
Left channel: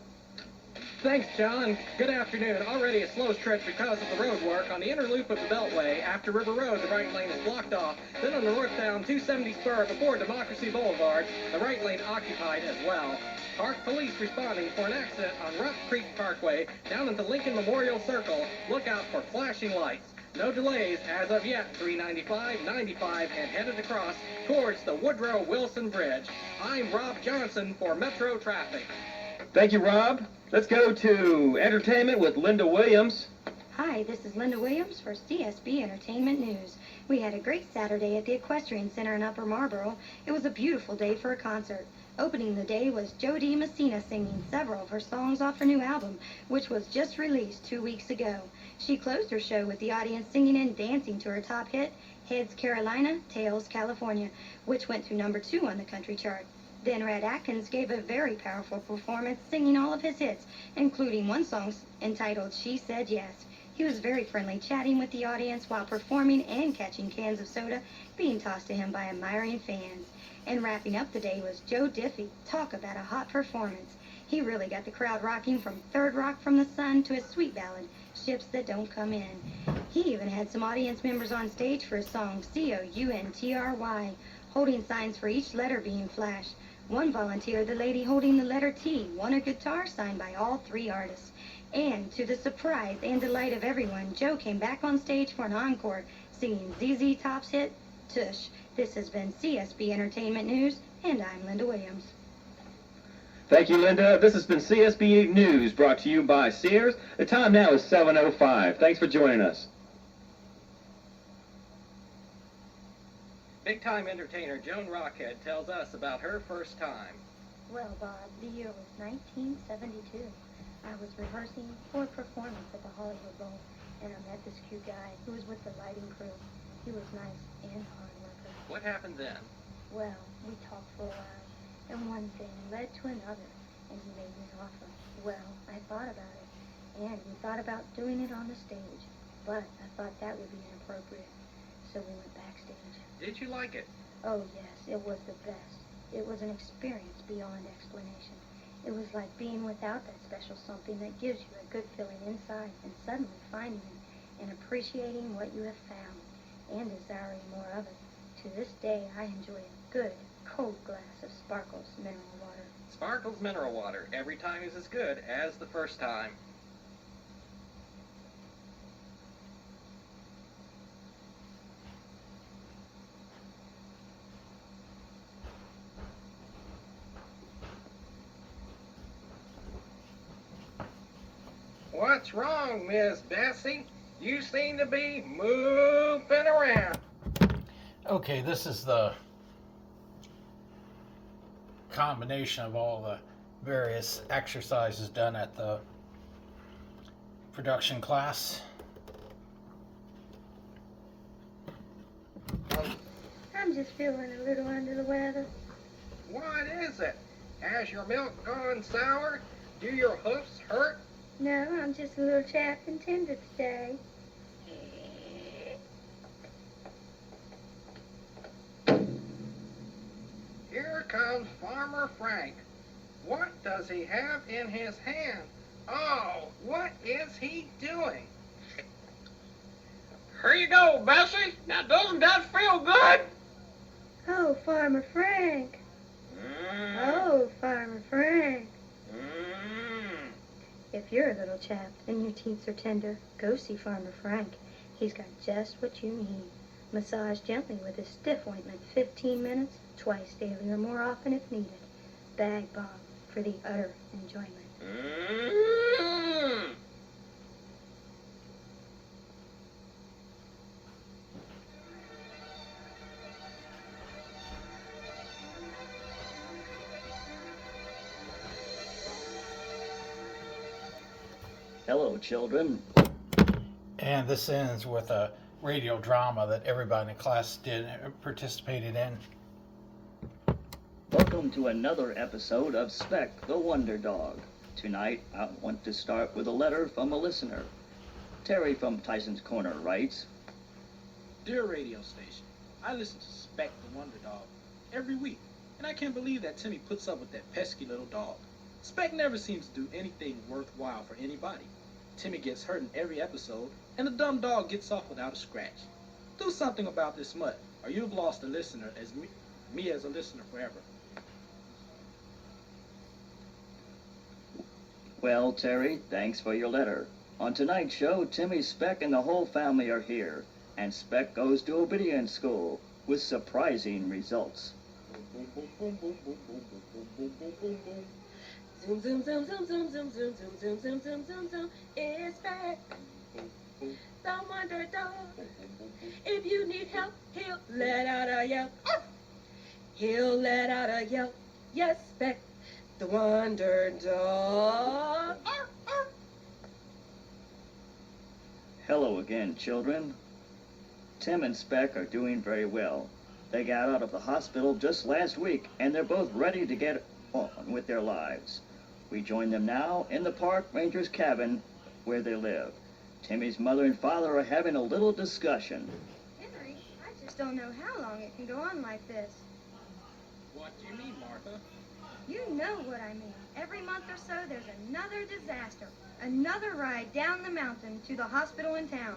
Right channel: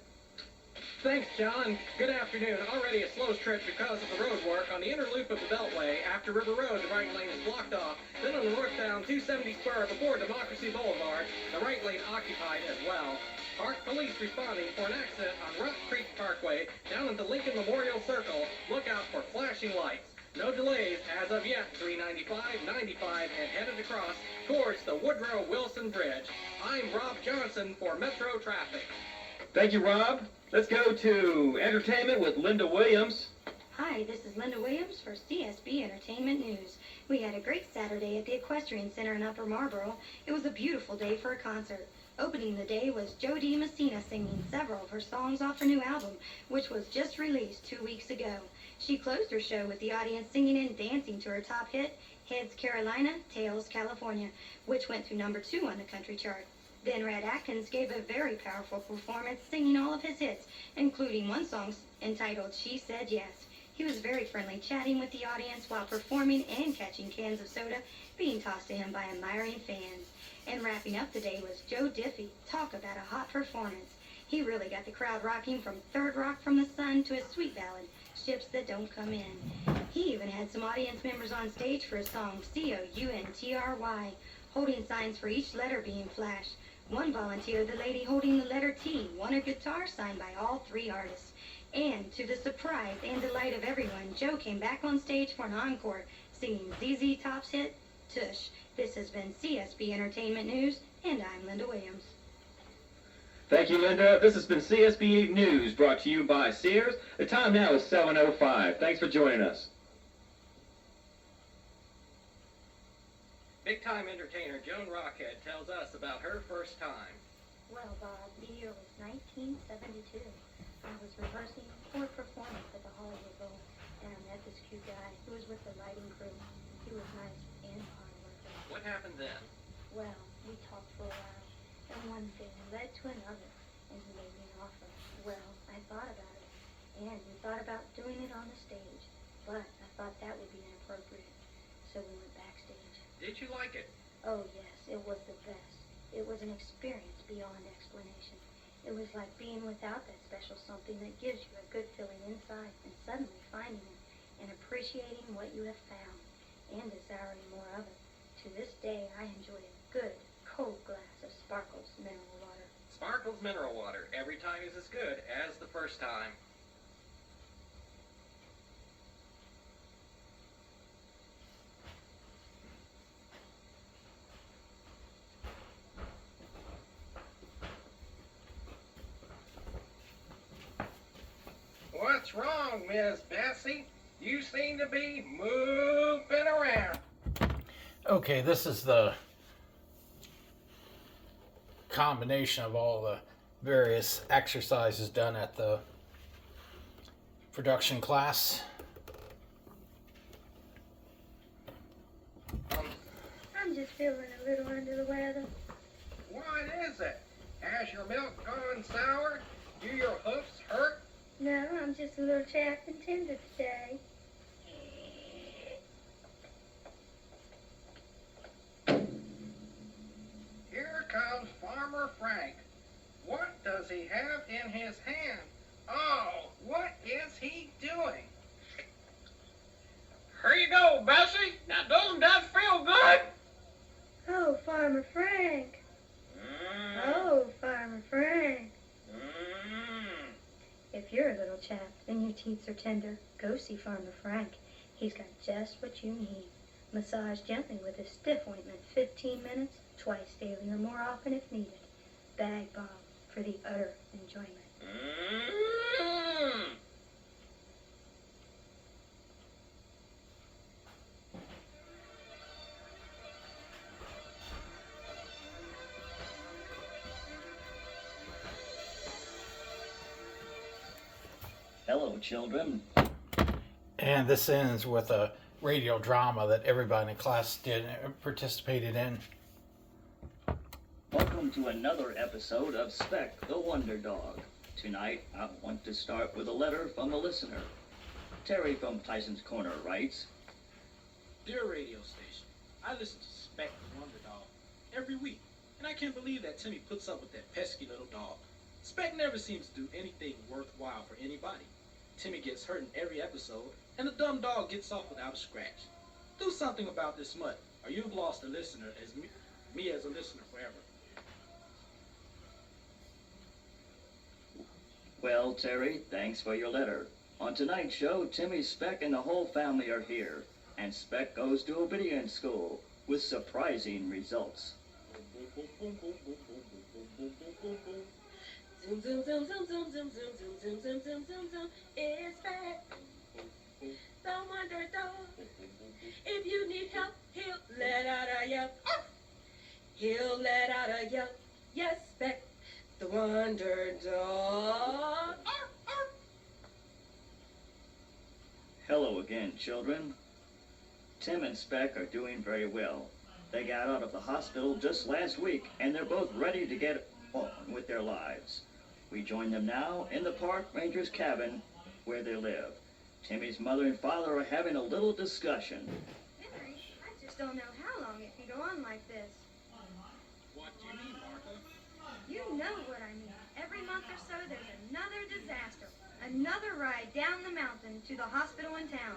Thanks, John. Good afternoon. Already a slow stretch because of the road work on the inner loop of the Beltway. After River Road, the right lane is blocked off. Then on the northbound 270 spur before Democracy Boulevard, the right lane occupied as well. Park police responding for an accident on Rough Creek Parkway down at the Lincoln Memorial Circle. Look out for flashing lights. No delays as of yet. 395, 95, and headed across towards the Woodrow Wilson Bridge. I'm Rob Johnson for Metro Traffic. Thank you, Rob. Let's go to entertainment with Linda Williams. Hi, this is Linda Williams for CSB Entertainment News. We had a great Saturday at the Equestrian Center in Upper Marlboro. It was a beautiful day for a concert. Opening the day was Jody Messina singing several of her songs off her new album, which was just released 2 weeks ago. She closed her show with the audience singing and dancing to her top hit, Heads Carolina, Tails California, which went to number 2 on the country chart. Then Red Atkins gave a very powerful performance singing all of his hits, including one song entitled She Said Yes. He was very friendly, chatting with the audience while performing and catching cans of soda being tossed to him by admiring fans. And wrapping up the day was Joe Diffie. Talk about a hot performance. He really got the crowd rocking from Third Rock from the Sun to his sweet ballad, Ships That Don't Come In. He even had some audience members on stage for his song C-O-U-N-T-R-Y, holding signs for each letter being flashed. One volunteer, the lady holding the letter T, won a guitar signed by all 3 artists. And to the surprise and delight of everyone, Joe came back on stage for an encore, singing ZZ Top's hit, Tush. This has been CSB Entertainment News, and I'm Linda Williams. Thank you, Linda. This has been CSB News, brought to you by Sears. The time now is 7:05. Thanks for joining us. Big-time entertainer Joan Rockhead tells us about her first time. Well, Bob, the year was 1972. I was rehearsing for a performance at the Hollywood Bowl, and I met this cute guy who was with the lighting crew. He was nice and hard worker. What happened then? Well, we talked for a while, and one thing led to another, and he made me an offer. Well, I thought about it, and we thought about doing it on the stage, but I thought that would be inappropriate, so we went backstage. Did you like it? Oh, yes, it was the best. It was an experience beyond explanation. It was like being without that special something that gives you a good feeling inside and suddenly finding it and appreciating what you have found and desiring more of it. To this day, I enjoy a good, cold glass of Sparkles mineral water. Sparkles mineral water. Every time is as good as the first time. What's wrong, Miss Bessie? You seem to be moving around. Okay, this is the combination of all the various exercises done at the production class. I'm just feeling a little under the weather. What is it? Has your milk gone sour? Do your hoofs hurt? No, I'm just a little chapped and tender today. Here comes Farmer Frank. What does he have in his hand? Oh, what is he doing? Here you go, Bessie. Now, doesn't that feel good? Oh, Farmer Frank. Oh, Farmer Frank. If you're a little chapped and your teats are tender, go see Farmer Frank. He's got just what you need. Massage gently with his stiff ointment 15 minutes, twice daily or more often if needed. Bag Bob for the utter enjoyment. Hello, children. And this ends with a radio drama that everybody in the class participated in. Welcome to another episode of Speck the Wonder Dog. Tonight, I want to start with a letter from a listener. Terry from Tyson's Corner writes, Dear radio station, I listen to Speck the Wonder Dog every week, and I can't believe that Timmy puts up with that pesky little dog. Speck never seems to do anything worthwhile for anybody. Timmy gets hurt in every episode, and the dumb dog gets off without a scratch. Do something about this mutt, or you've lost a listener as me as a listener forever. Well, Terry, thanks for your letter. On tonight's show, Timmy, Speck, and the whole family are here, and Speck goes to obedience school with surprising results. Zoom, zoom, zoom, zoom, zoom, zoom, zoom, zoom, zoom, zoom, zoom, zoom, zoom. It's Speck, the wonder dog. If you need help, he'll let out a yelp. He'll let out a yelp. Yes, Speck, the wonder dog. Hello again, children. Tim and Speck are doing very well. They got out of the hospital just last week, and they're both ready to get on with their lives. We join them now in the park ranger's cabin where they live. Timmy's mother and father are having a little discussion. Henry, I just don't know how long it can go on like this. What do you mean, Martha? You know what I mean. Every month or so, there's another disaster. Another ride down the mountain to the hospital in town.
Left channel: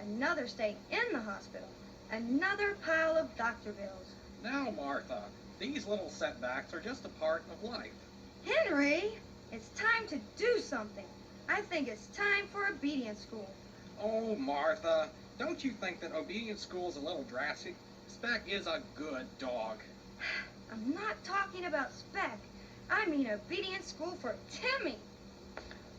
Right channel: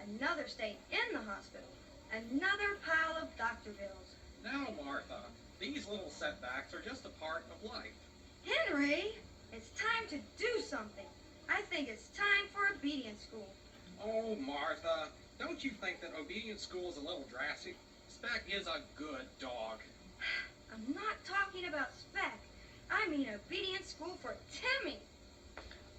Another stay in the hospital. Another pile of doctor bills. Now, Martha, these little setbacks are just a part of life. Henry, it's time to do something. I think it's time for obedience school. Oh, Martha, don't you think that obedience school is a little drastic? Speck is a good dog. I'm not talking about Speck. I mean obedience school for Timmy.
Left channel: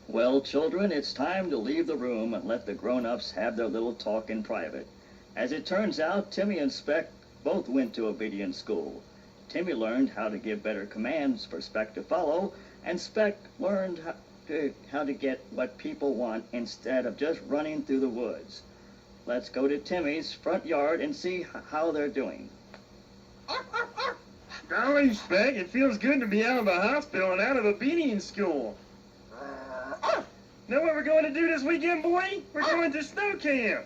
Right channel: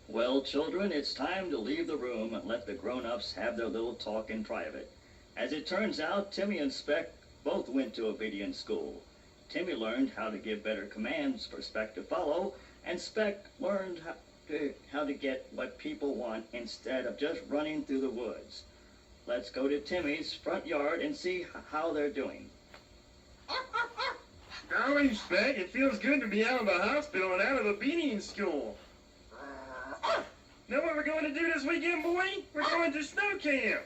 Well, children, it's time to leave the room and let the grown-ups have their little talk in private. As it turns out, Timmy and Speck both went to obedience school. Timmy learned how to give better commands for Speck to follow, and Speck learned how to get what people want instead of just running through the woods. Let's go to Timmy's front yard and see how they're doing. Golly, Speck, it feels good to be out of the hospital and out of obedience school. Know what we're going to do this weekend, boy? We're going to snow camp.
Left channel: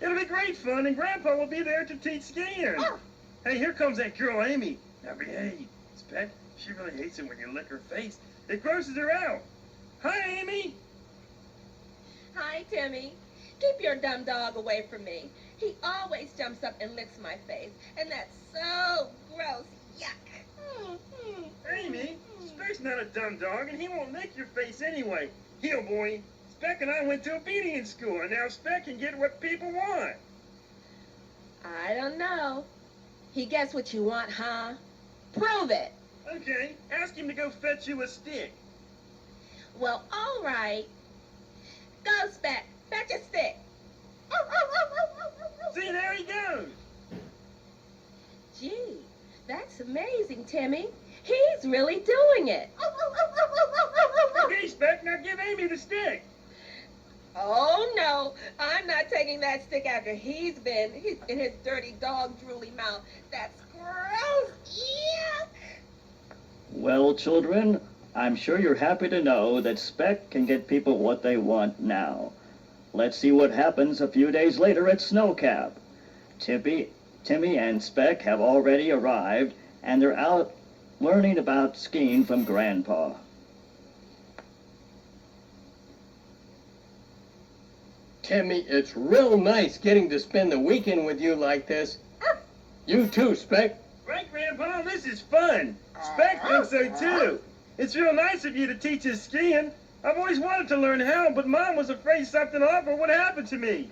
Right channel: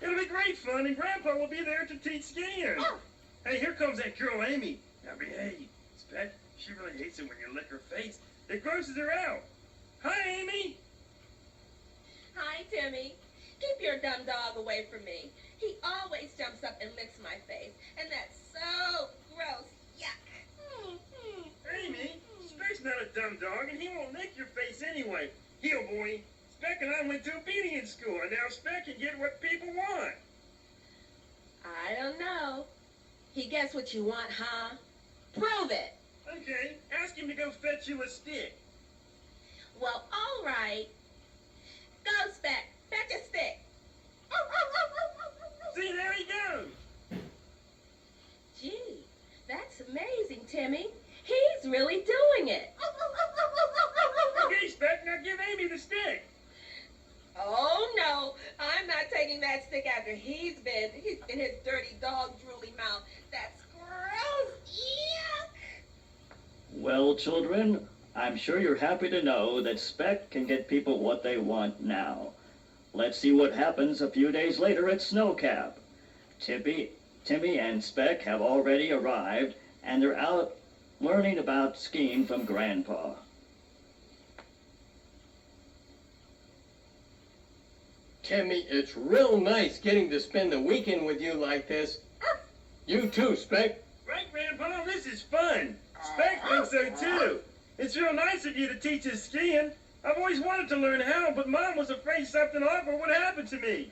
It'll be great fun, and Grandpa will be there to teach skiing. Hey, here comes that girl, Amy. Now behave. Speck, she really hates it when you lick her face. It grosses her out. Hi, Amy. Hi, Timmy. Keep your dumb dog away from me. He always jumps up and licks my face, and that's so gross. Yuck. Amy, Speck's not a dumb dog, and he won't lick your face anyway. Heel, boy. Speck and I went to obedience school, and now Speck can get what people want. I don't know. He gets what you want, huh? Prove it. Okay, ask him to go fetch you a stick. Well, all right. Go, Speck. Fetch a stick. See, there he goes. Gee, that's amazing, Timmy. He's really doing it. Okay, Speck, now give Amy the stick. Oh, no. I'm not taking that stick after he's been in his dirty dog drooly mouth. That's gross. Yuck. Well, children, I'm sure you're happy to know that Speck can get people what they want now. Let's see what happens a few days later at Snowcap. Timmy and Speck have already arrived, and they're out learning about skiing from Grandpa. Timmy, it's real nice getting to spend the weekend with you like this. You too, Speck. Right, Grandpa, this is fun. Speck thinks so too. It's real nice of you to teach us skiing. I've always wanted to learn how, but Mom was afraid something awful would happen to me.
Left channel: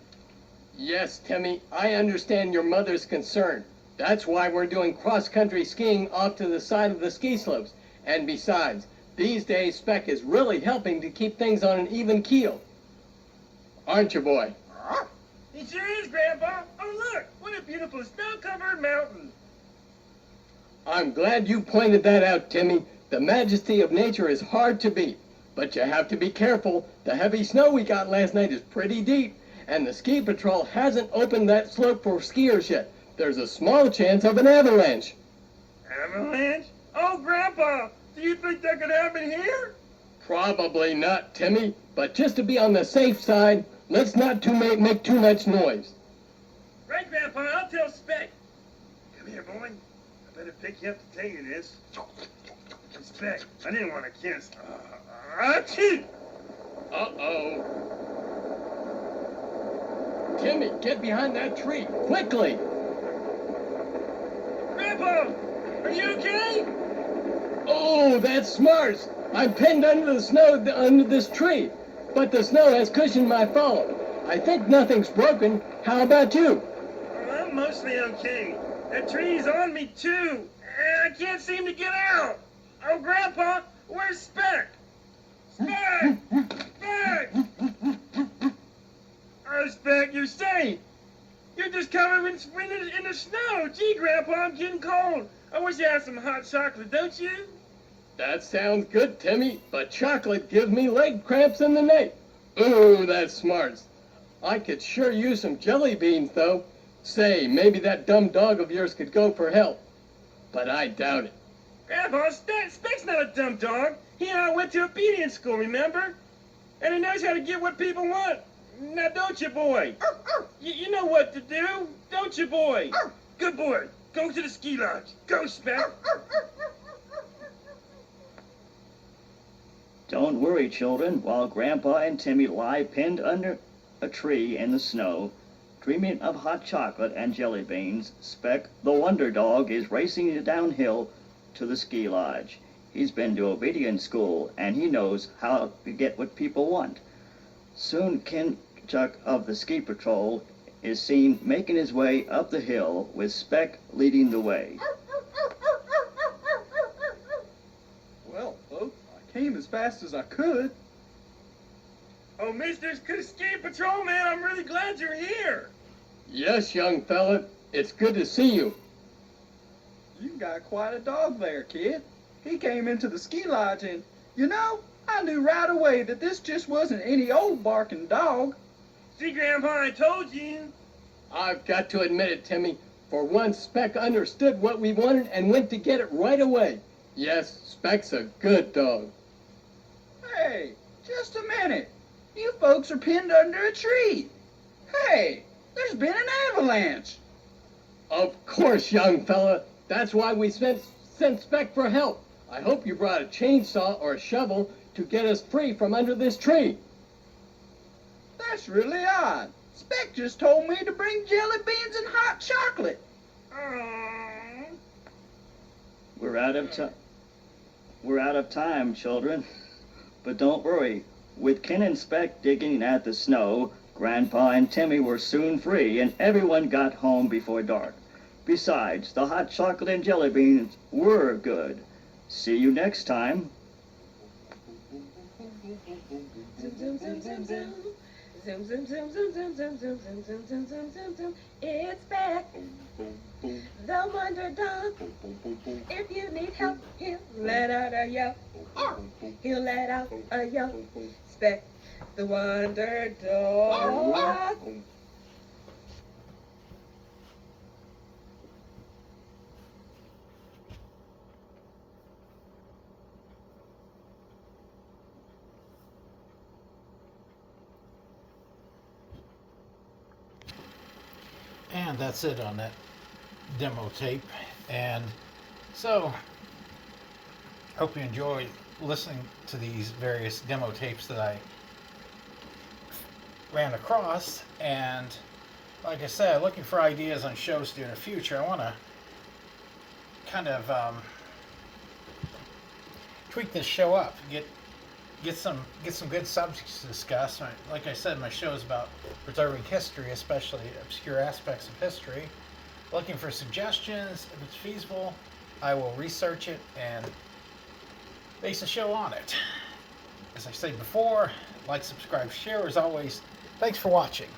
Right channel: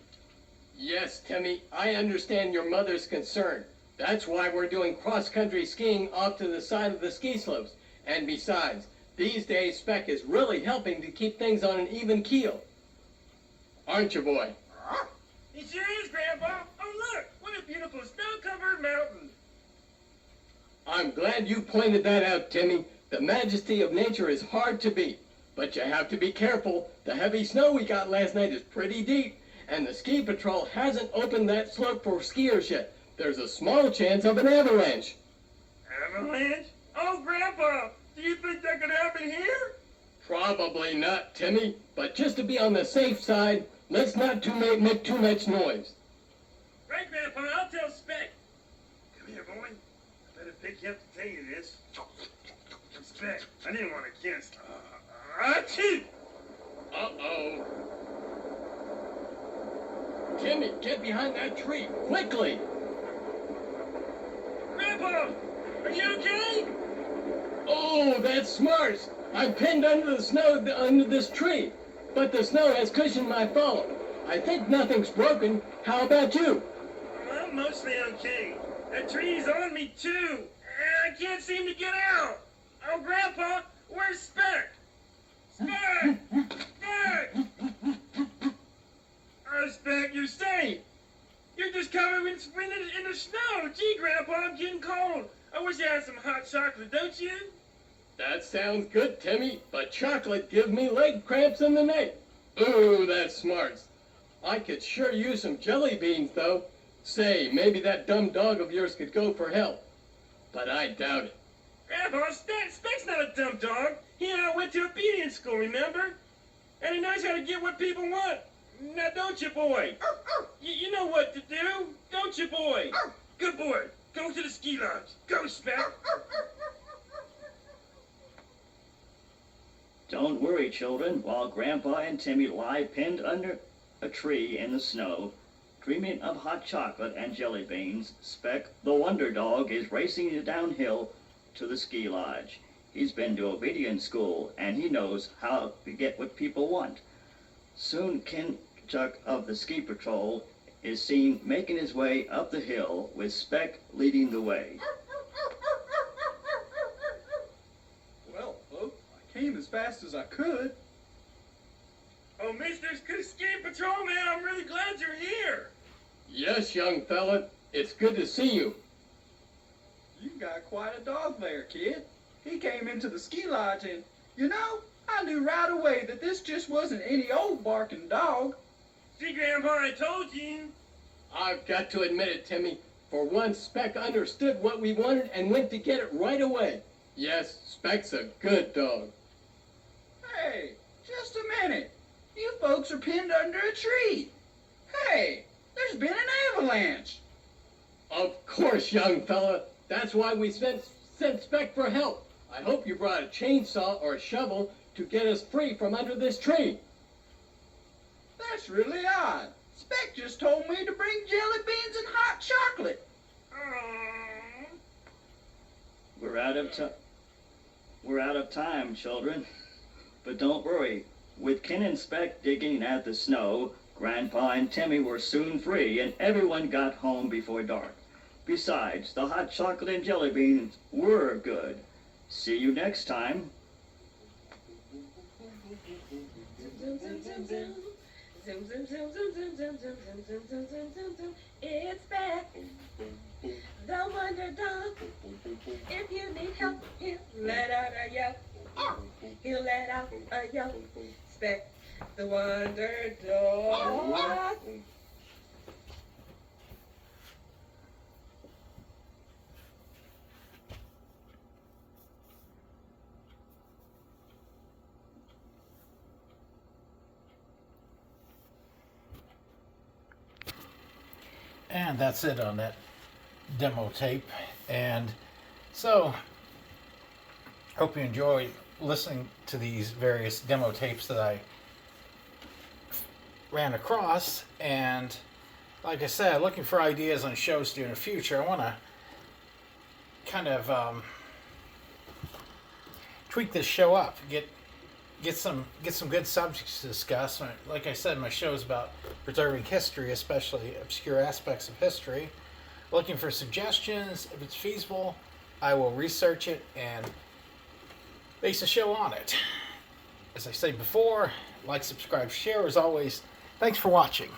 Yes, Timmy, I understand your mother's concern. That's why we're doing cross-country skiing off to the side of the ski slopes. And besides, these days Speck is really helping to keep things on an even keel. Aren't you, boy? He sure is, Grandpa. Oh, look, what a beautiful snow-covered mountain. I'm glad you pointed that out, Timmy. The majesty of nature is hard to beat. But you have to be careful. The heavy snow we got last night is pretty deep, and the ski patrol hasn't opened that slope for skiers yet. There's a small chance of an avalanche. Avalanche? Oh, Grandpa, do you think that could happen here? Probably not, Timmy. But just to be on the safe side, let's not make too much noise. Right, Grandpa, I'll tell Speck. Come here, boy. I better pick you up to tell you this. Speck, I didn't want to kiss. Achoo! Uh-oh. Timmy, get behind that tree, quickly! Grandpa, are you okay? Oh, that's smart! I'm pinned under the snow under this tree. but the snow has cushioned my fall. I think nothing's broken. How about you? Well, I'm mostly okay. That tree's on me, too. And I can't seem to get out. Oh, Grandpa, where's Speck? Speck! Speck! Oh, Speck, you're safe. You're just covered in the snow. Gee, Grandpa, I'm getting cold. I wish I had some hot chocolate, don't you? That sounds good, Timmy, but chocolate gives me leg cramps in the night. Ooh, that's smart. I could sure use some jelly beans, though. Say, maybe that dumb dog of yours could go for help. But I doubt it. Grandpa, Speck's not a dumb dog. He and I went to obedience school, remember? And he knows how to get what people want. Now, don't you, boy? You know what to do, don't you, boy? Good boy. Go to the ski lodge. Go, Speck. Don't worry, children. While Grandpa and Timmy lie pinned under a tree in the snow, dreaming of hot chocolate and jelly beans, Speck, the wonder dog, is racing downhill to the ski lodge. He's been to obedience school, and he knows how to get what people want. Soon Ken Chuck of the ski patrol is seen making his way up the hill with Speck leading the way. Well, folks, I came as fast as I could. Oh, Mr. Ski Patrolman, I'm really glad you're here. Yes, young fella, it's good to see you. You got quite a dog there, kid. He came into the ski lodge and, you know, I knew right away that this just wasn't any old barking dog. See, Grandpa, I told you. I've got to admit it, Timmy. For once, Speck understood what we wanted and went to get it right away. Yes, Speck's a good dog. Hey, just a minute. You folks are pinned under a tree. Hey, there's been an avalanche. Of course, young fella. That's why we sent Speck for help. I hope you brought a chainsaw or a shovel to get us free from under this tree. That's really odd. Speck just told me to bring jelly beans and hot chocolate. We're out of time, children. But don't worry. With Ken and Speck digging at the snow, Grandpa and Timmy were soon free, and everyone got home before dark. Besides, the hot chocolate and jelly beans were good. See you next time. Zoom, zoom, zoom, zoom. Zoom, zoom, zoom, zoom, zoom, zoom, zoom, zoom, zoom, zoom, zoom, zoom, zoom, zoom. It's back. The wonder dog. If you need help, he'll let out a yelp. He'll let out a yelp. Speck, the wonder dog. And that's it on that demo tape. And so, hope you enjoy listening to these various demo tapes that I ran across. And like I said, looking for ideas on shows to do in the future. I want to kind of tweak this show up, get some good subjects to discuss. Like I said, my show is about preserving history, especially obscure aspects of history. Looking for suggestions. If it's feasible, I will research it and base a show on it. As I said before, like, subscribe, share. As always, thanks for watching.